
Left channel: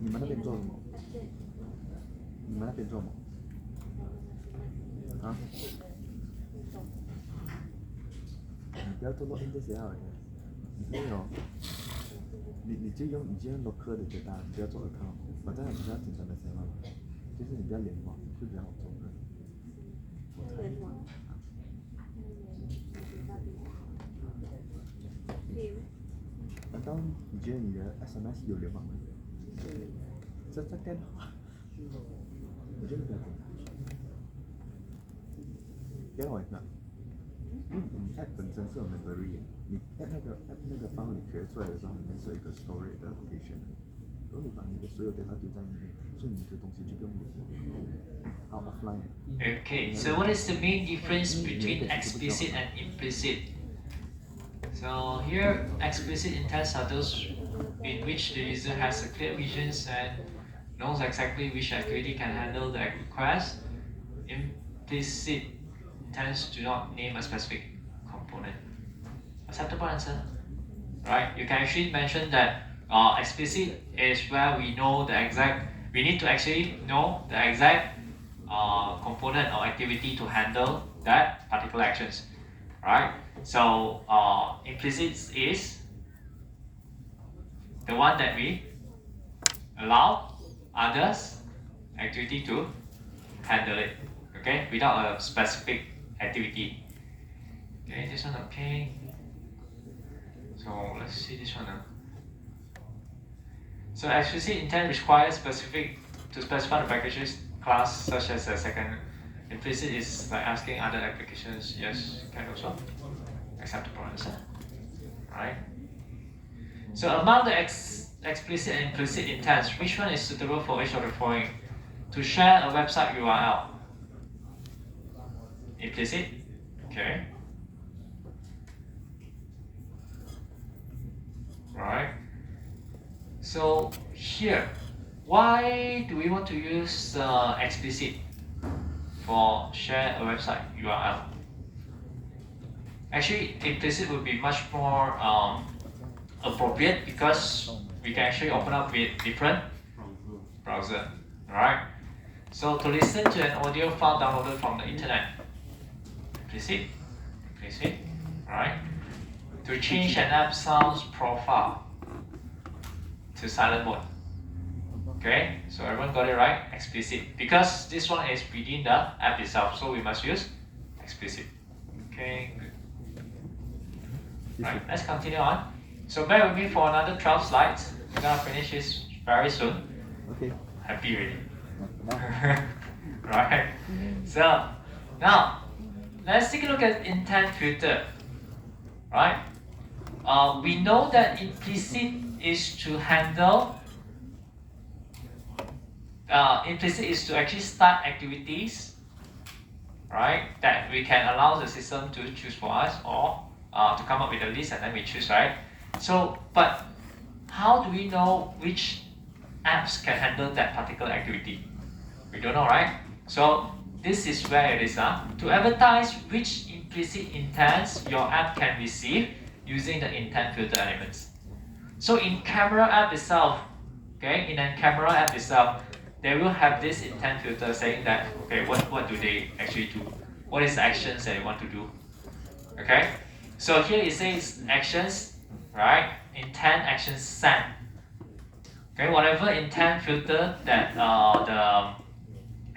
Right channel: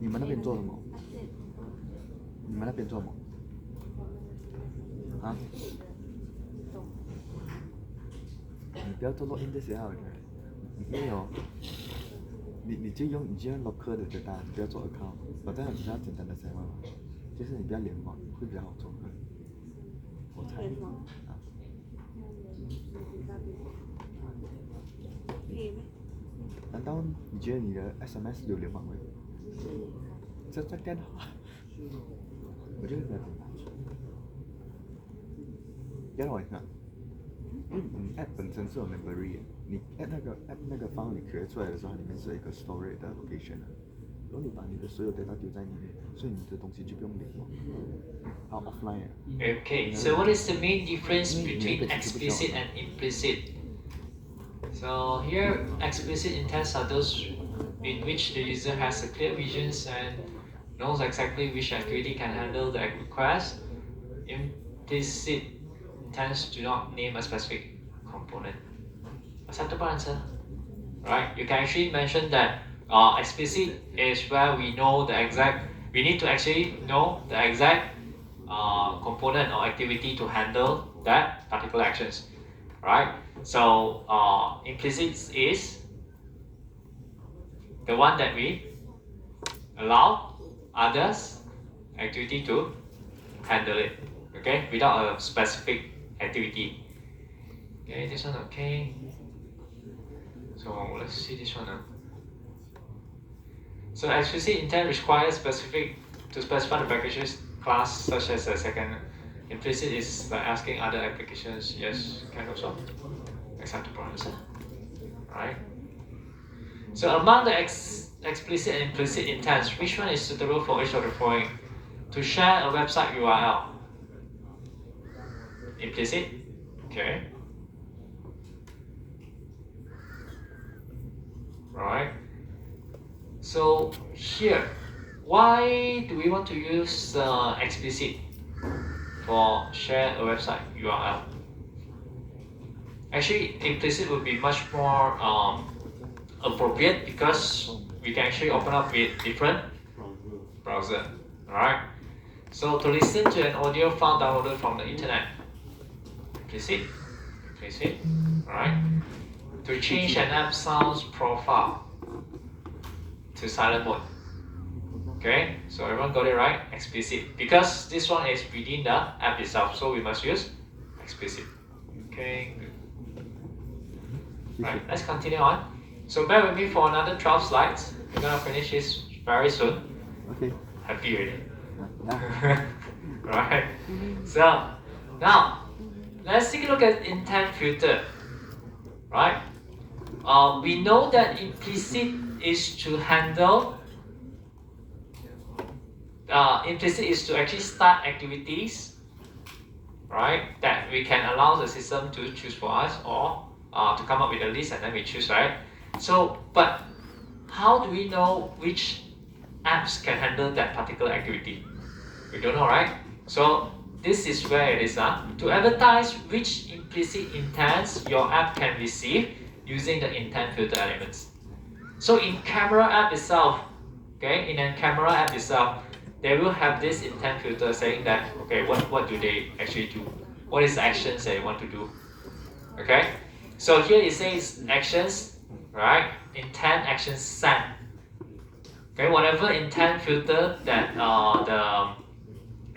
你们那边做什么？你们那边做什么？啊？你不要做 login 这些好了，没有。你就用 local 的对吧？你不要做 account， 我这样比较简单的想法，就是你不要联网会比较好做。我猜。难道你觉得你的 SMS 有联网吗？这电话，我觉得比较简单。别让我看，因为你 app 本身是有 memory 的，你 app 那个 file 你 create 出来的时候，里面是有一个 storage 的 location 的，然后你把你的所有 data 丢在里面，所以你的东西就不用联网，好 offline。Okay, so what is the main difference between explicit and implicit? So here, explicit intents are those in which the user has a clear vision and knows exactly which activity can handle the request. Implicit intents do not name a specific component. Acceptable answer? Right? You can actually mention that explicit is where we know the exact. We need to actually know the exact component or activity to handle that particular actions, right? So implicit is the one that we allow others activity to handle it, okay, without a specific activity. Okay, this one okay. So let's see this one now. So explicit intent requires to specify the packages class such as a second. Implicit is like asking other applications. Yes, can also acceptable answer. Right. So among the explicit and implicit intents, which one is suitable for each of the following? To share a website URL. Implicit. Okay. Right. So here, why do we want to use explicit for share a website URL? Actually, implicit would be much more appropriate because we can actually open up with different browser. Alright. So to listen to an audio file downloaded from the internet, implicit. Alright. To change an app sounds profile to silent mode. Okay, so everyone got it right? Explicit. Because this one is within the app itself, so we must use explicit. Okay, good. Right, let's continue on. So bear with me for another 12 slides. We're gonna finish this very soon. Okay. Happy already. Yeah. Right. So now let's take a look at intent filter. Right. We know that implicit is to handle. Implicit is to actually start activities, right? That we can allow the system to choose for us, or to come up with a list and then we choose, right? So, but how do we know which apps can handle that particular activity? We don't know, right? So this is where it is. To advertise which implicit intents your app can receive using the intent filter elements. So in camera app itself, okay, in a camera app itself, they will have this intent filter saying that, okay, what do they actually do? What is the actions that they want to do? Okay, so here it says actions, right? Intent actions send. Okay, whatever intent filter that the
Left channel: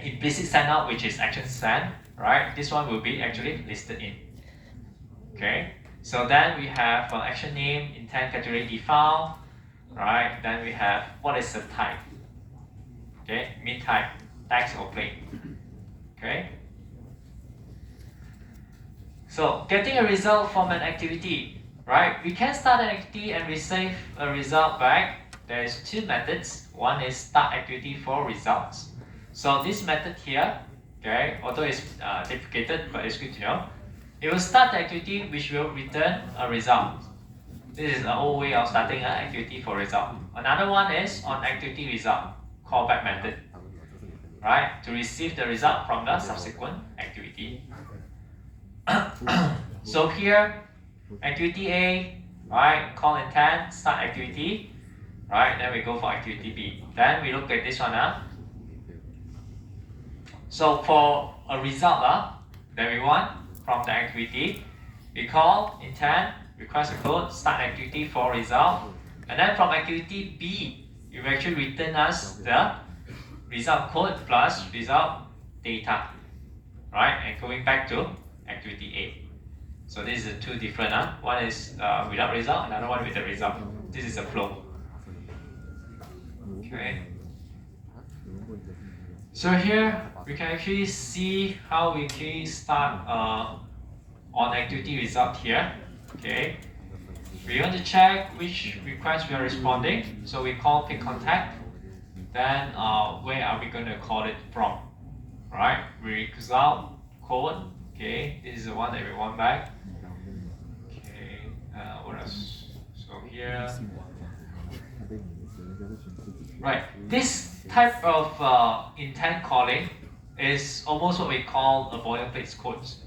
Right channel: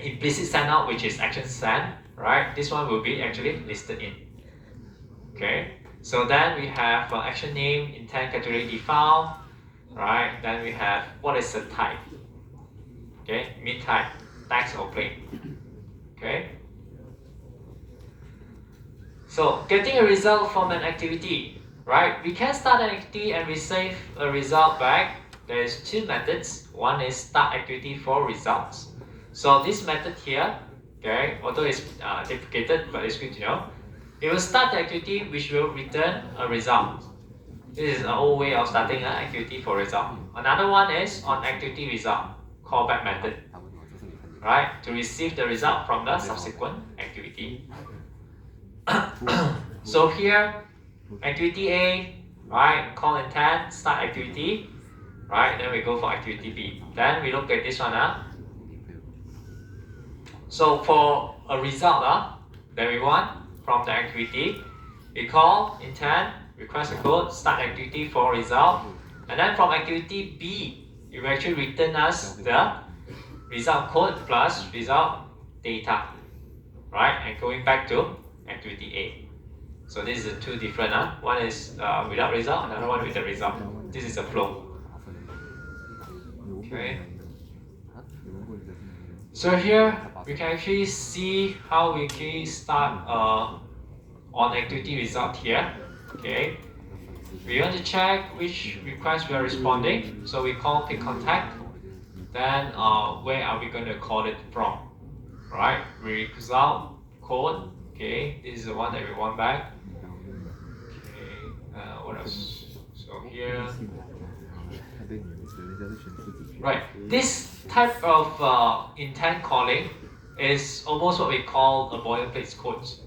implicit send out, which is action send, right? This one will be actually listed in. Okay, so then we have action name, intent category default, right? Then we have what is the type. Okay, mean type, text or plain. Okay. So getting a result from an activity, right? We can start an activity and receive a result back. There is two methods. One is start activity for results. So this method here, okay, although it's deprecated, but it's good to know. It will start the activity which will return a result. This is an old way of starting an activity for result. Another one is on activity result, callback method, right? To receive the result from the subsequent activity. So here, activity A, right? Call intent, start activity, right? Then we go for activity B. Then we look at this one. So for a result that we want from the activity, we call intent, request a code, start activity for result, and then from activity B, it will actually return us the result code plus result data, right? And going back to activity A. So this is the two different. One is without result, another one with the result. This is a flow. Okay. So here we can actually see how we can start on activity result here. Okay. We want to check which request we are responding. So we call pick contact. Then where are we going to call it from? Right. Result code. Okay. This is the one that we want back. Okay. What else? So here. Right. This type of intent calling is almost what we call a boilerplate codes.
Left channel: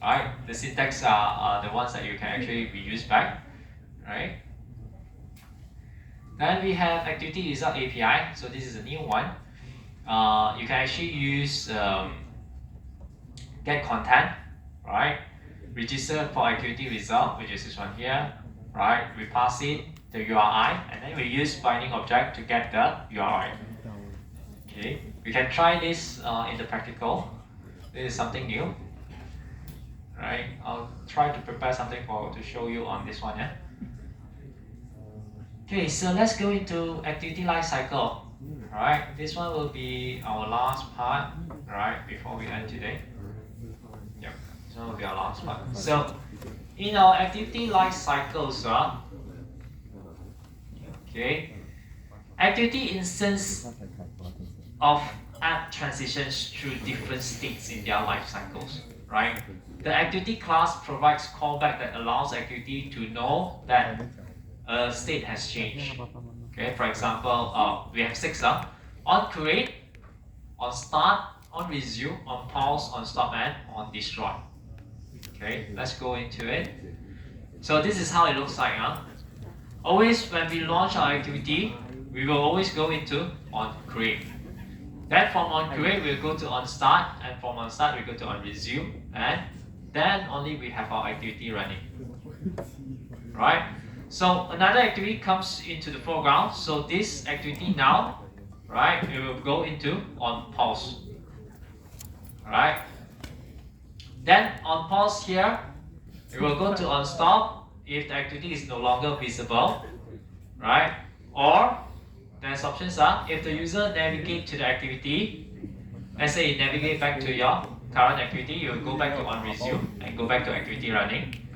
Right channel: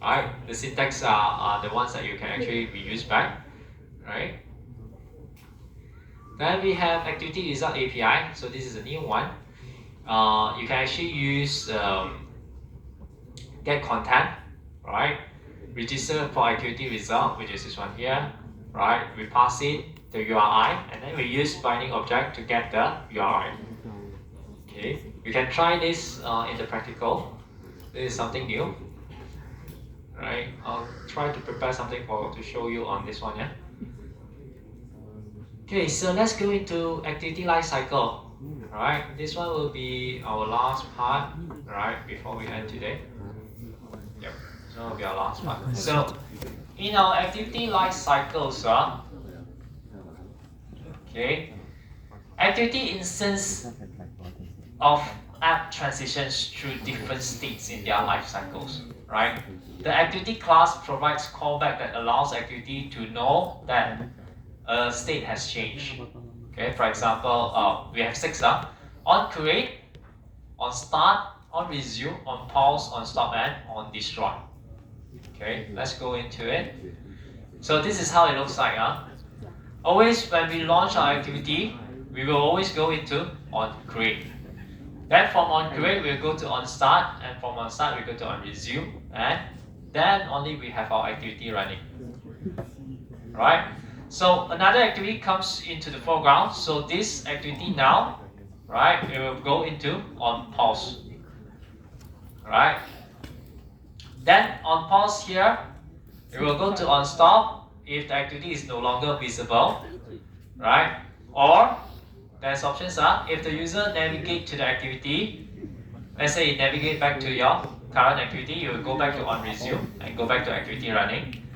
Right. The syntax are the ones that you can actually reuse back. Right. Then we have activity result API. So this is a new one. You can actually use get content, right? Register for activity result, which is this one here, right? We pass it the URI, and then we use binding object to get the URI. Okay, we can try this in the practical. This is something new, right? I'll try to prepare something to show you on this one, yeah. Okay, so let's go into activity life cycle. Alright, this one will be our last part, right, before we end today. Yep, this one will be our last part. So, in our activity life cycles, okay, activity instance of app transitions through different states in their life cycles, right? The activity class provides callback that allows activity to know that a state has changed. Okay, for example, we have 6 on create, on start, on resume, on pause, on stop, and on destroy. Okay, let's go into it. So this is how it looks like. Always when we launch our activity, we will always go into on create. Then from on create, we'll go to on start, and from on start, we go to on resume, and then only we have our activity running. Right? So another activity comes into the foreground. So this activity now, right, it will go into on pause. Alright. Then on pause here, we will go to on stop if the activity is no longer visible, right? Or there's options are if the user navigate to the activity, let's say you navigate back to your current activity, you will go back to on resume and go back to activity running,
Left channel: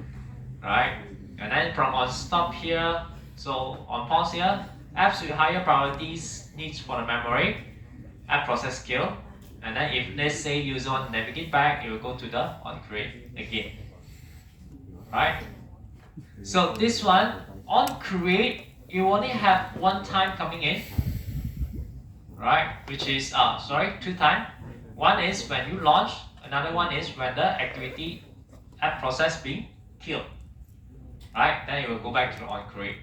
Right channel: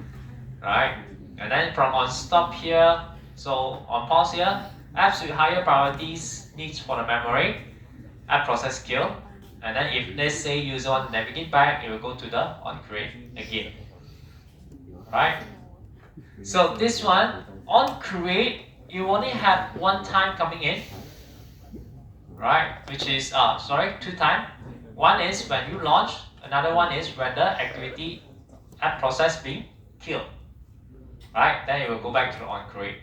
right? And then from on stop here, so on pause here, apps with higher priorities needs for the memory, app process skill, and then if let's say user want to navigate back, it will go to the on create again, right? So this one on create, you only have one time coming in, right? Which is two times. One is when you launch, another one is when the activity app process being killed, right? Then it will go back to on create.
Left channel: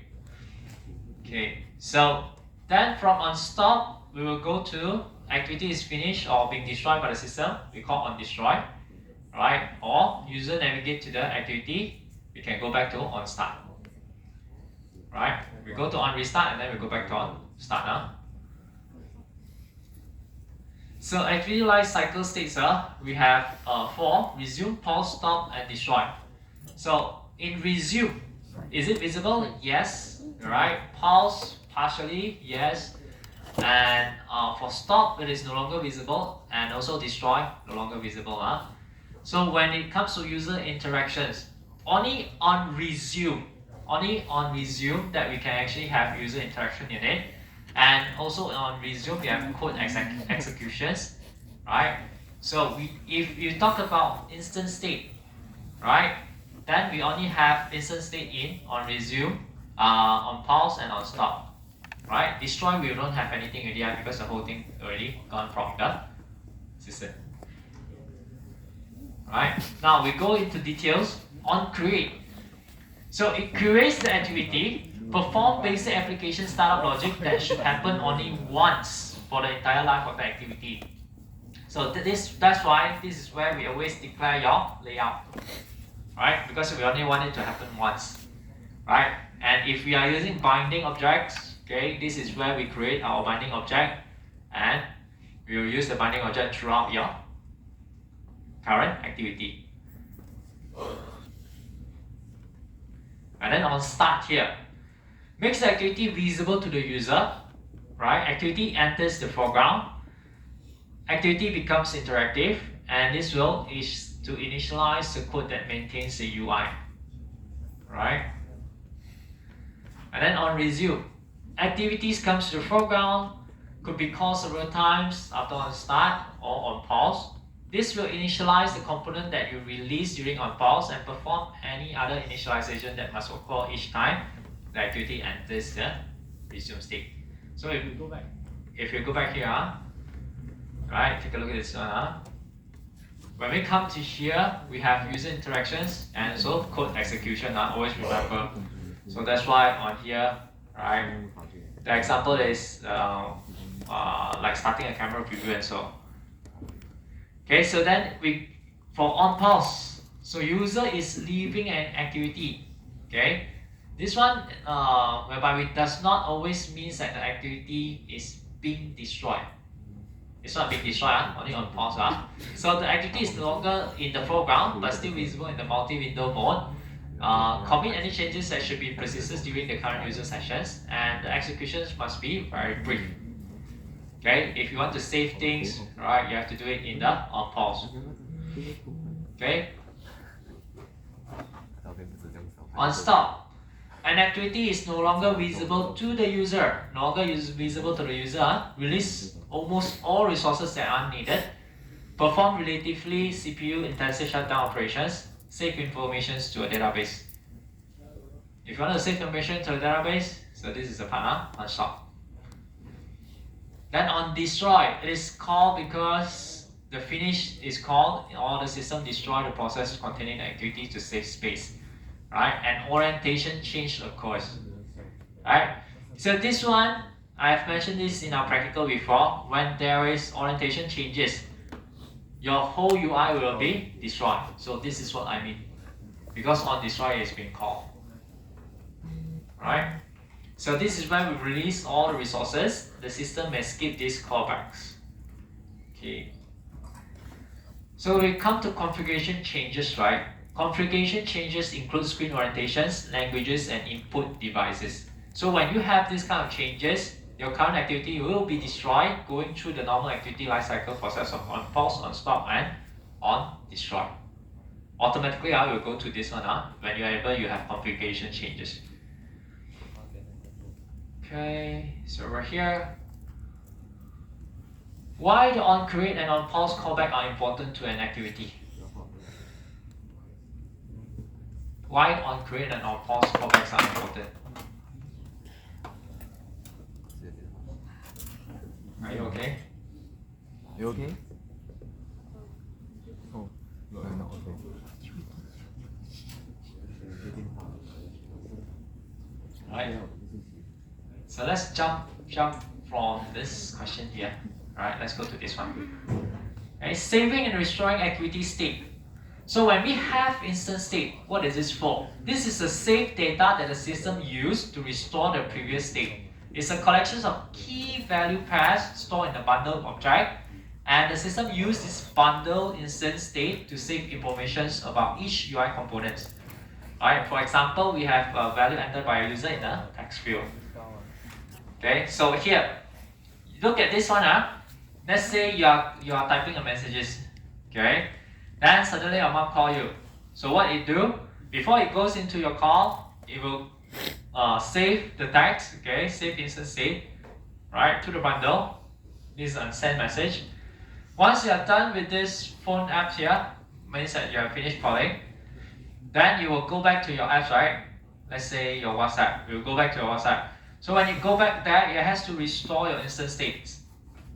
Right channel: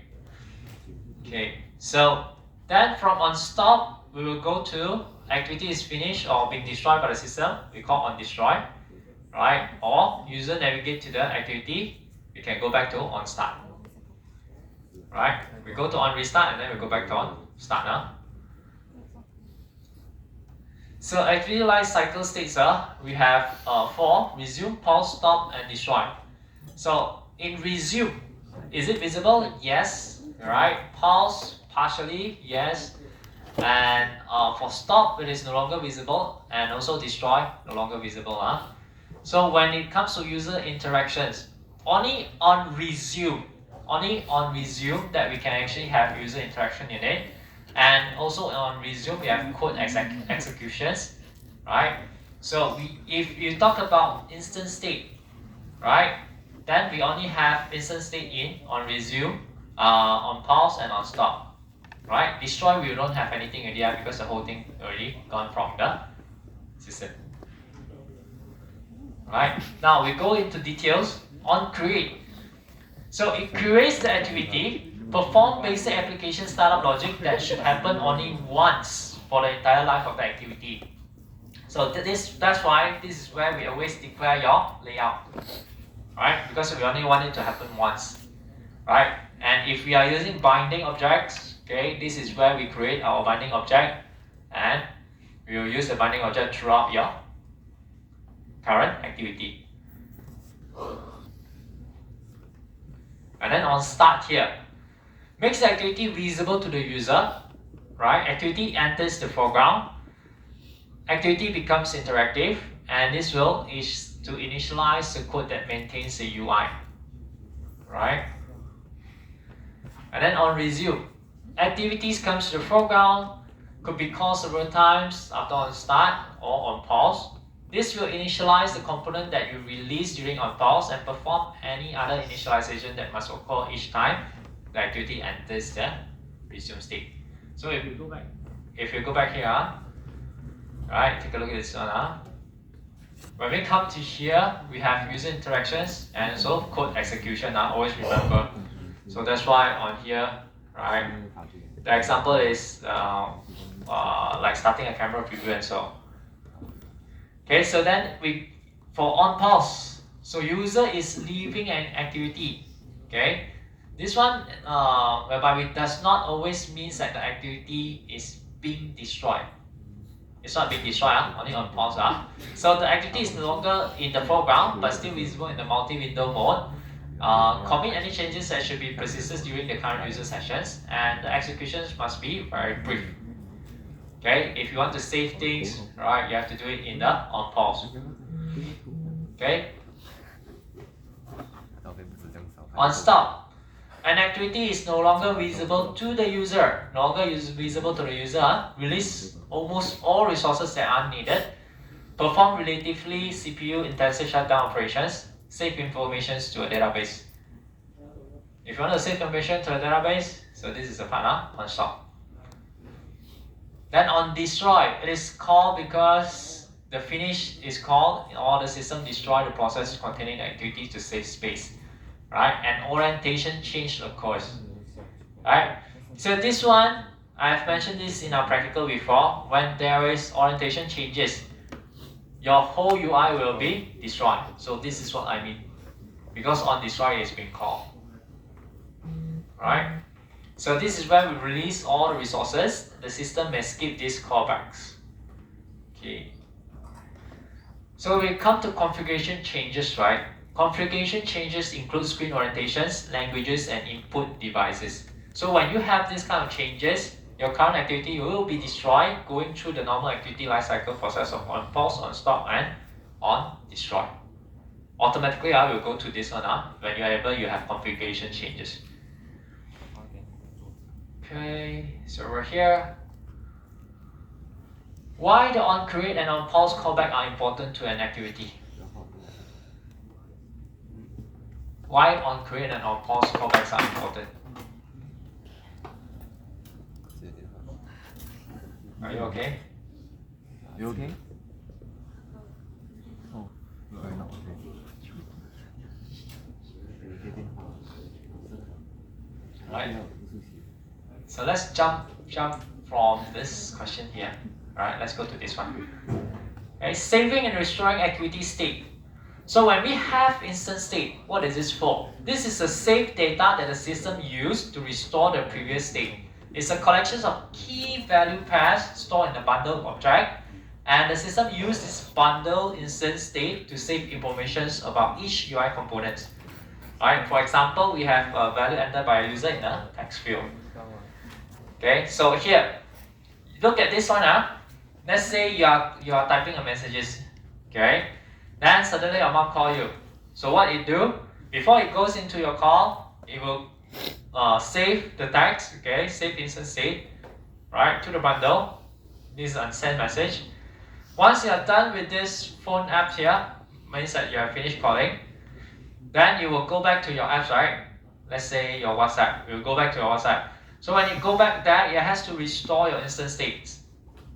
Okay, so then from on stop, we will go to activity is finished or being destroyed by the system. We call on destroy, right? Or user navigate to the activity, we can go back to on start, right? We go to on restart and then we go back to on start now. So activity life cycle states we have 4: resume, pause, stop, and destroy. So in resume, is it visible? Yes, right? Pause partially, yes. And for stop, it is no longer visible, and also destroy, no longer visible. So when it comes to user interactions, only on resume that we can actually have user interaction in it. And also on resume, we have code executions, right? So if you talk about instant state, right, then we only have instant state in on resume, on pause, and on stop, right? Destroy, we don't have anything already because the whole thing already gone from the system. Right? Now we go into details on create. So it creates the activity, perform basic application startup logic that should happen only once for the entire life of the activity. So that's why this is where we always declare your layout, right? Because we only want it to happen once, right? And if we are using binding objects, okay, this is where we create our binding object, and we will use the binding object throughout your current activity. And then on start here, makes the activity visible to the user, right? Activity enters the foreground, activity becomes interactive, and this is to initialize the code that maintains the UI, right? And then on resume, activities comes to the foreground, could be called several times after on start or on pause. This will initialize the component that you release during on pause and perform any other initialization that must occur each time the activity enters the resume state. So if you go back here, right, take a look at this one. When we come to here, we have user interactions and also code execution. Always remember. So that's why on here, right, the example is like starting a camera preview and so. Okay, so then for on pause, so user is leaving an activity. Okay, this one whereby it does not always means that the activity is being destroyed. It's not being destroyed, only on pause. So the activity is no longer in the foreground but still visible in the multi-window mode. Commit any changes that should be persisted during the current user sessions, and the executions must be very brief. Okay, if you want to save things, right, you have to do it in the on pause. Okay. On stop, an activity is no longer visible to the user. No longer visible to the user. Release almost all resources that are needed. Perform relatively CPU intensive shutdown operations. Save information to a database. If you want to save information to a database, so this is the part on stop. Then on destroy, it is called because the finish is called or the system destroy the process containing the activity to save space, right? And orientation change occurs, right? So this one, I've mentioned this in our practical before. When there is orientation changes, your whole UI will be destroyed. So this is what I mean, because on destroy is being called, right? So this is where we release all the resources. The system may skip these callbacks. Okay. So we come to configuration changes, right? Configuration changes include screen orientations, languages, and input devices. So when you have this kind of changes, your current activity will be destroyed going through the normal activity lifecycle process of on pause, on stop, and on destroy. Automatically, I will go to this one whenever you have configuration changes. Okay, so we're here. Why the on create and on pause callback are important to an activity? Why on create and on pause callbacks are important? Are you okay? You okay? Oh, you're not okay. Right. So let's jump from this question here. Alright, let's go to this one. Okay, saving and restoring activity state. So when we have instant state, what is this for? This is the saved data that the system used to restore the previous state. It's a collection of key value pairs stored in the bundle object, and the system used this bundle instant state to save information about each UI component. Alright, for example, we have a value entered by a user in a text field. Okay, so here, look at this one. Let's say you are typing a messages. Okay, then suddenly your mom call you. So what it do? Before it goes into your call, it will save the text. Okay, save instant state, right, to the bundle. This is unsent message. Once you are done with this phone app here, means that you have finished calling. Then you will go back to your apps, right? Let's say your WhatsApp. You will go back to your WhatsApp. So when you go back there, it has to restore your instant states,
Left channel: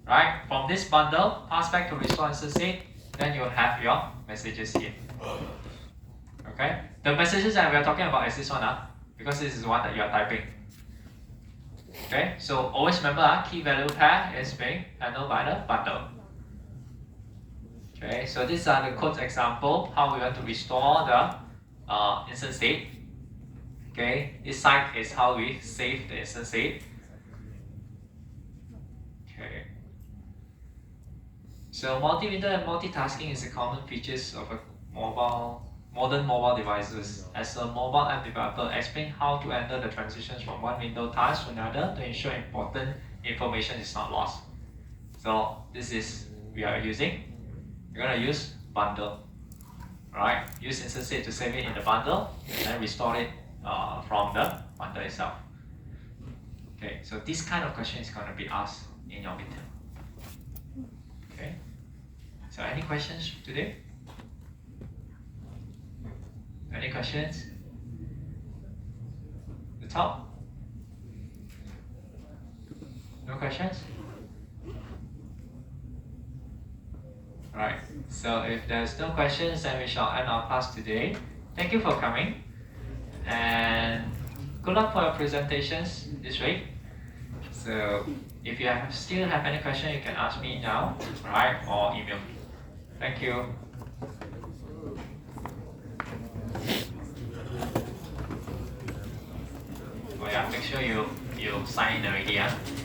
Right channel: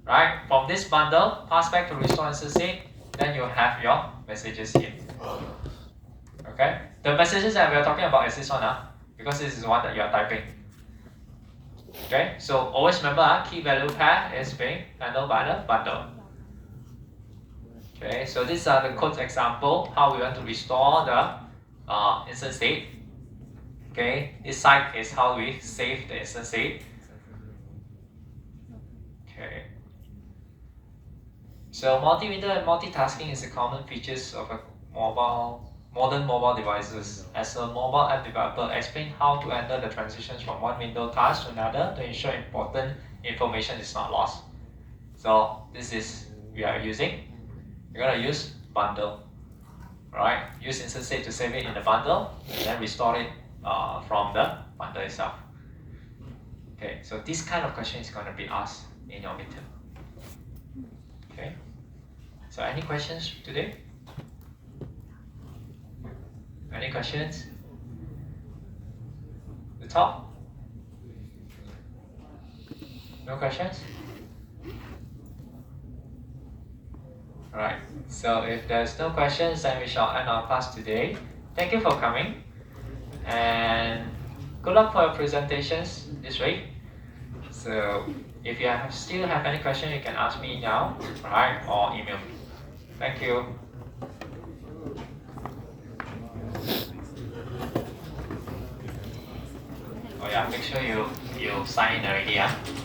right? From this bundle, pass back to restore instant state. Then you'll have your messages here. Okay? The messages that we are talking about is this one, because this is the one that you are typing. Okay? So always remember, key value pair is being handled by the bundle. Okay? So these are the code example how we want to restore the instant state. Okay, this side is how we save the instant state. Okay. So multi-window and multitasking is a common features of a modern mobile devices. As a mobile app developer, explain how to enter the transitions from one window task to another to ensure important information is not lost. So this is we are using. You're gonna use bundle. Alright, use instant state to save it in the bundle and then restore it from the bundle itself. Okay, so this kind of question is going to be asked in your midterm. Okay, so any questions today? Any questions? The top? No questions? Alright, so if there's no questions, then we shall end our class today. Thank you for coming, and good luck for your presentations this week. So if you still have any question, you can ask me now, alright, or email me. Thank you. Oh yeah, make sure you sign already.